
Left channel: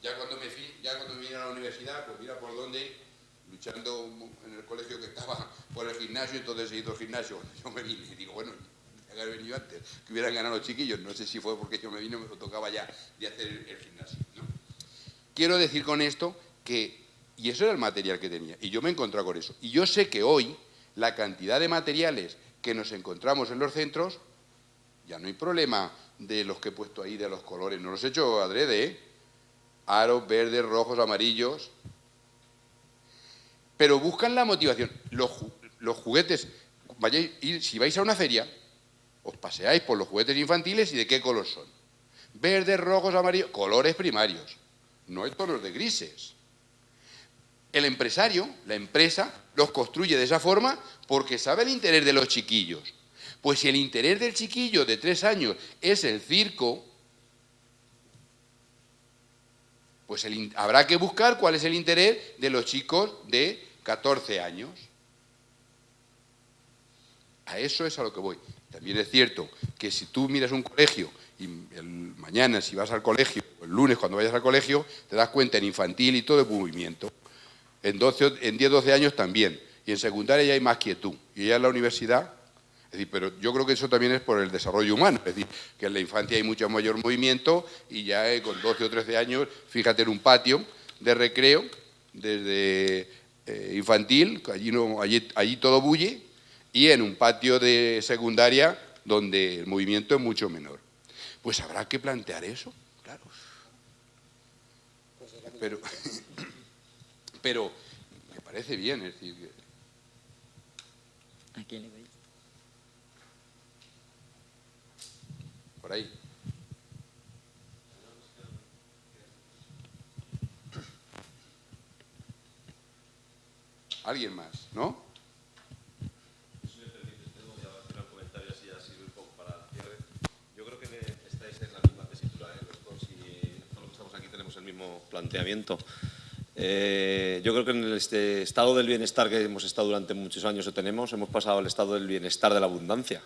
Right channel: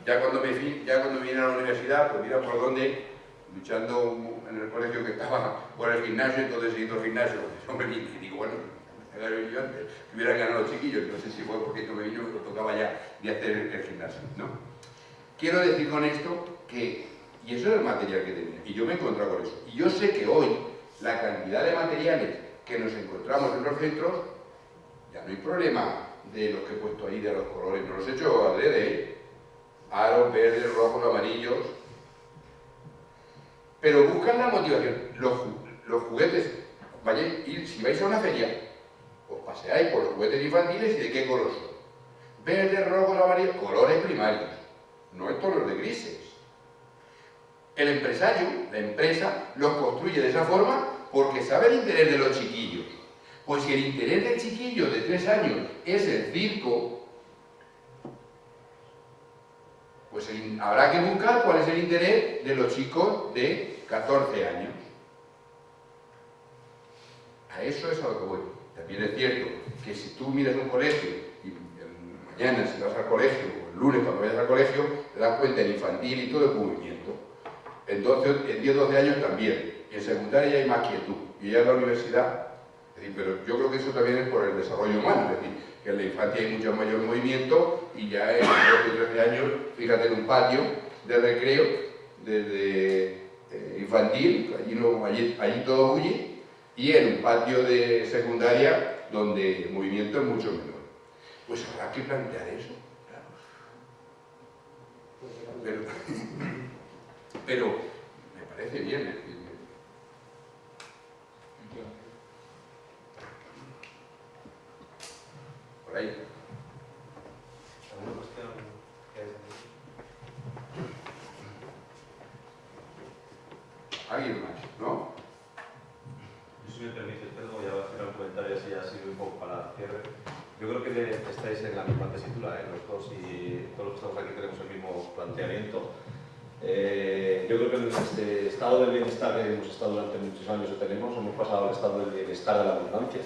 Ya cuando me vine a la universidad, pues mira por dónde, luchando en el colegio que estaba por el gimnasio, entonces he ido al gimnasio, hombre, y bueno, era brillante, que hubieran ganado los chiquillos, no sé si fue porque yo me vine, me tocaba ya hacer el gimnasio, ¿no? Quiero decir con esto que, y eso era el material que tenía, y yo me he encontrado con eso, y yo sé que hoy la cantidad de materiales que nos encontramos en los centros, ya no hay problema de los que he puesto ahí, de los colores, no los he hecho adrede, aros verdes, rojos, amarillos, pero buscan la motivación. Los juguetes, si vais a una feria, os paseáis por los juguetes infantiles y de qué color son. Verdes, rojos, amarillos, colores primarios, no el color de grises. El empresario, la empresa, los construye de esa forma porque sabe el interés de los chiquillos. Pues si el interés del chiquillo de 3 años es el circo, pues habrá que buscar cuál es el interés de los chicos de 14 años. A eso es a lo que voy. También es cierto que si tú miras un colegio y mañana si vas al colegio, o el lunes cuando vayas al colegio, te das cuenta en infantil y todo el movimiento. En 10-12 años también. Y en secundaria ya hay más quietud. Y ya en la universidad, es decir, pero yo creo que eso también es por el desarrollo humano. Es decir, que en la infancia hay mucho mayor movimiento y ya en 12 o 13 años, fíjate en un patio de recreo, desde infantil, allí todo bulle, y en un patio de secundaria donde el movimiento es mucho menor. Pues habrá que plantear eso, claro. Pero me parece bien, es decir, por ahí. ¿Alguien más? ¿No? Si me permites, Pedro, voy a hacer un comentario así ha sido un poco para hacer. Yo creo que estáis en la misma tesitura, los dos, y todos los que aquí tenemos el mismo planteamiento. Yo creo que en este estado del bienestar que hemos estado durante muchos años o tenemos, hemos pasado al estado del bienestar de la abundancia.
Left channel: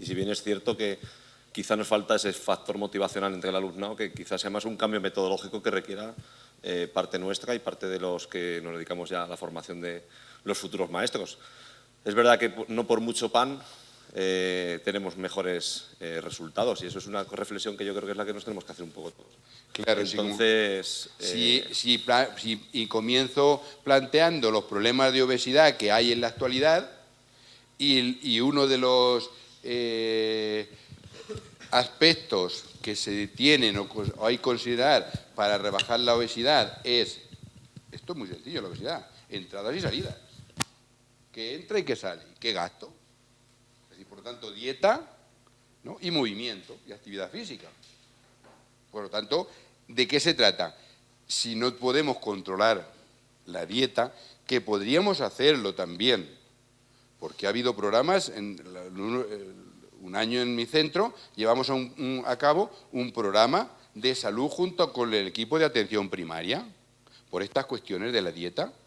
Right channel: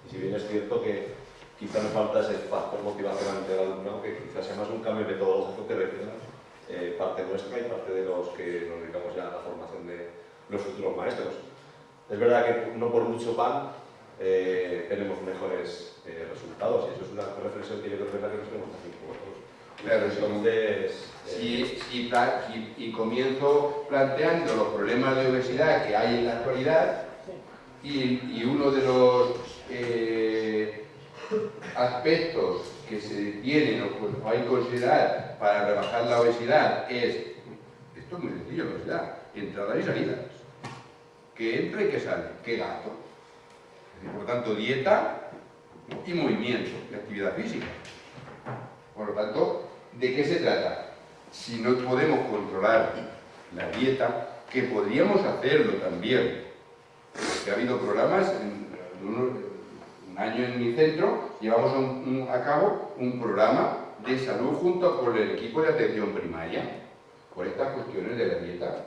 Y si bien es cierto que quizá nos falta ese factor motivacional entre el alumnado, que quizás sea más un cambio metodológico que requiera parte nuestra y parte de los que nos dedicamos ya a la formación de los futuros maestros. Es verdad que no por mucho pan tenemos mejores resultados, y eso es una reflexión que yo creo que es la que nos tenemos que hacer un poco. Claro, entonces, y comienzo planteando los problemas de obesidad que hay en la actualidad, y uno de los aspectos que se tienen o hay que considerar para rebajar la obesidad es, esto es muy sencillo, la obesidad, entrada y salida. Que entra y que sale, que gasto. Por tanto, dieta, ¿no? Y movimiento, y actividad física. Por lo tanto, ¿de qué se trata? Si no podemos controlar la dieta, que podríamos hacerlo también. Porque ha habido programas, un año en mi centro, llevamos a cabo un programa de salud junto con el equipo de atención primaria, por estas cuestiones de la dieta,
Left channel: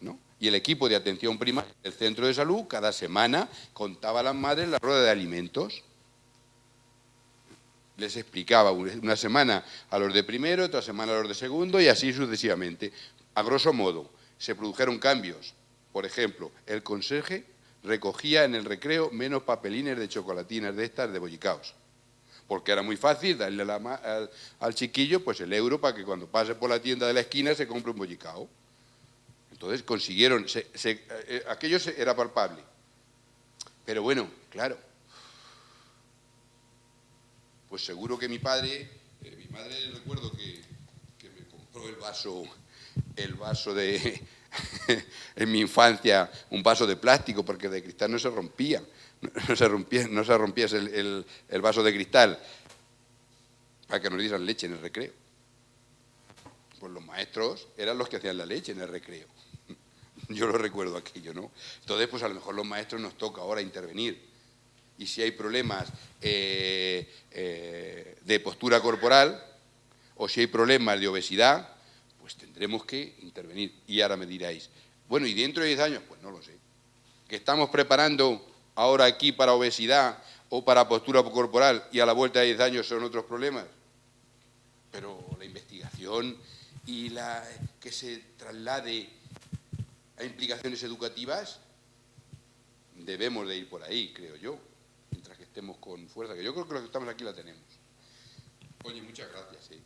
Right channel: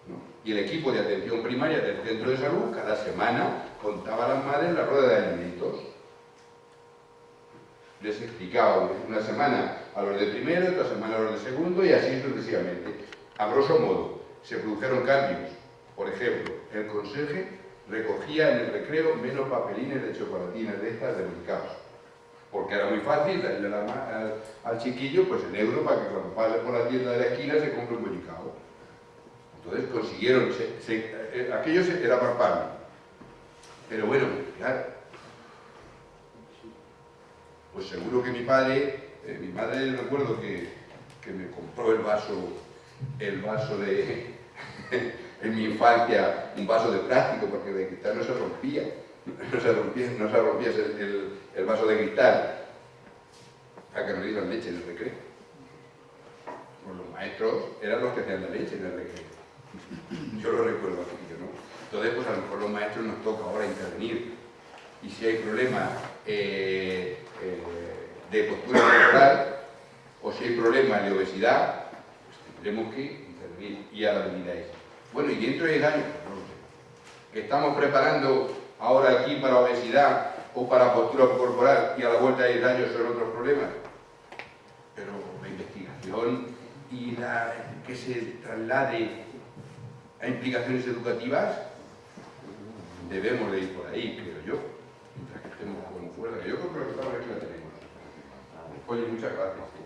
¿no? Y el equipo de atención primaria del centro de salud, cada semana, contaba a las madres la rueda de alimentos. Les explicaba una semana a los de primero, otra semana a los de segundo, y así sucesivamente. A grosso modo, se produjeron cambios. Por ejemplo, el conserje recogía en el recreo menos papelines de chocolatinas de estas de Belcaos, porque era muy fácil darle al chiquillo pues el euro para que cuando pase por la tienda de la esquina se compre un Belcao. Entonces consiguieron, aquello era palpable. Pero bueno, claro, pues seguro que mi madre recuerdo que me compró el vaso de, en mi infancia, un vaso de plástico, porque de cristal no se rompía el vaso de cristal, para que nos dieran leche en el recreo. Pues los maestros eran los que hacían la leche en el recreo. Yo lo recuerdo aquello, ¿no? Entonces, pues a lo mejor los maestros nos toca ahora intervenir. Y si hay problemas de postura corporal, o si hay problemas de obesidad, Tenemos que intervenir. Y ahora me diréis, bueno, ¿y dentro de 10 años? No lo sé. ¿Que estamos preparando ahora aquí para obesidad o para postura corporal y a la vuelta de 10 años son otros problemas? Pero la investigación y que se traslade a implicaciones educativas, debemos de ir por ahí, creo yo. Mientras que estemos como fuera. Yo creo que la que estamos aquí la tenemos. Oye, muchas gracias.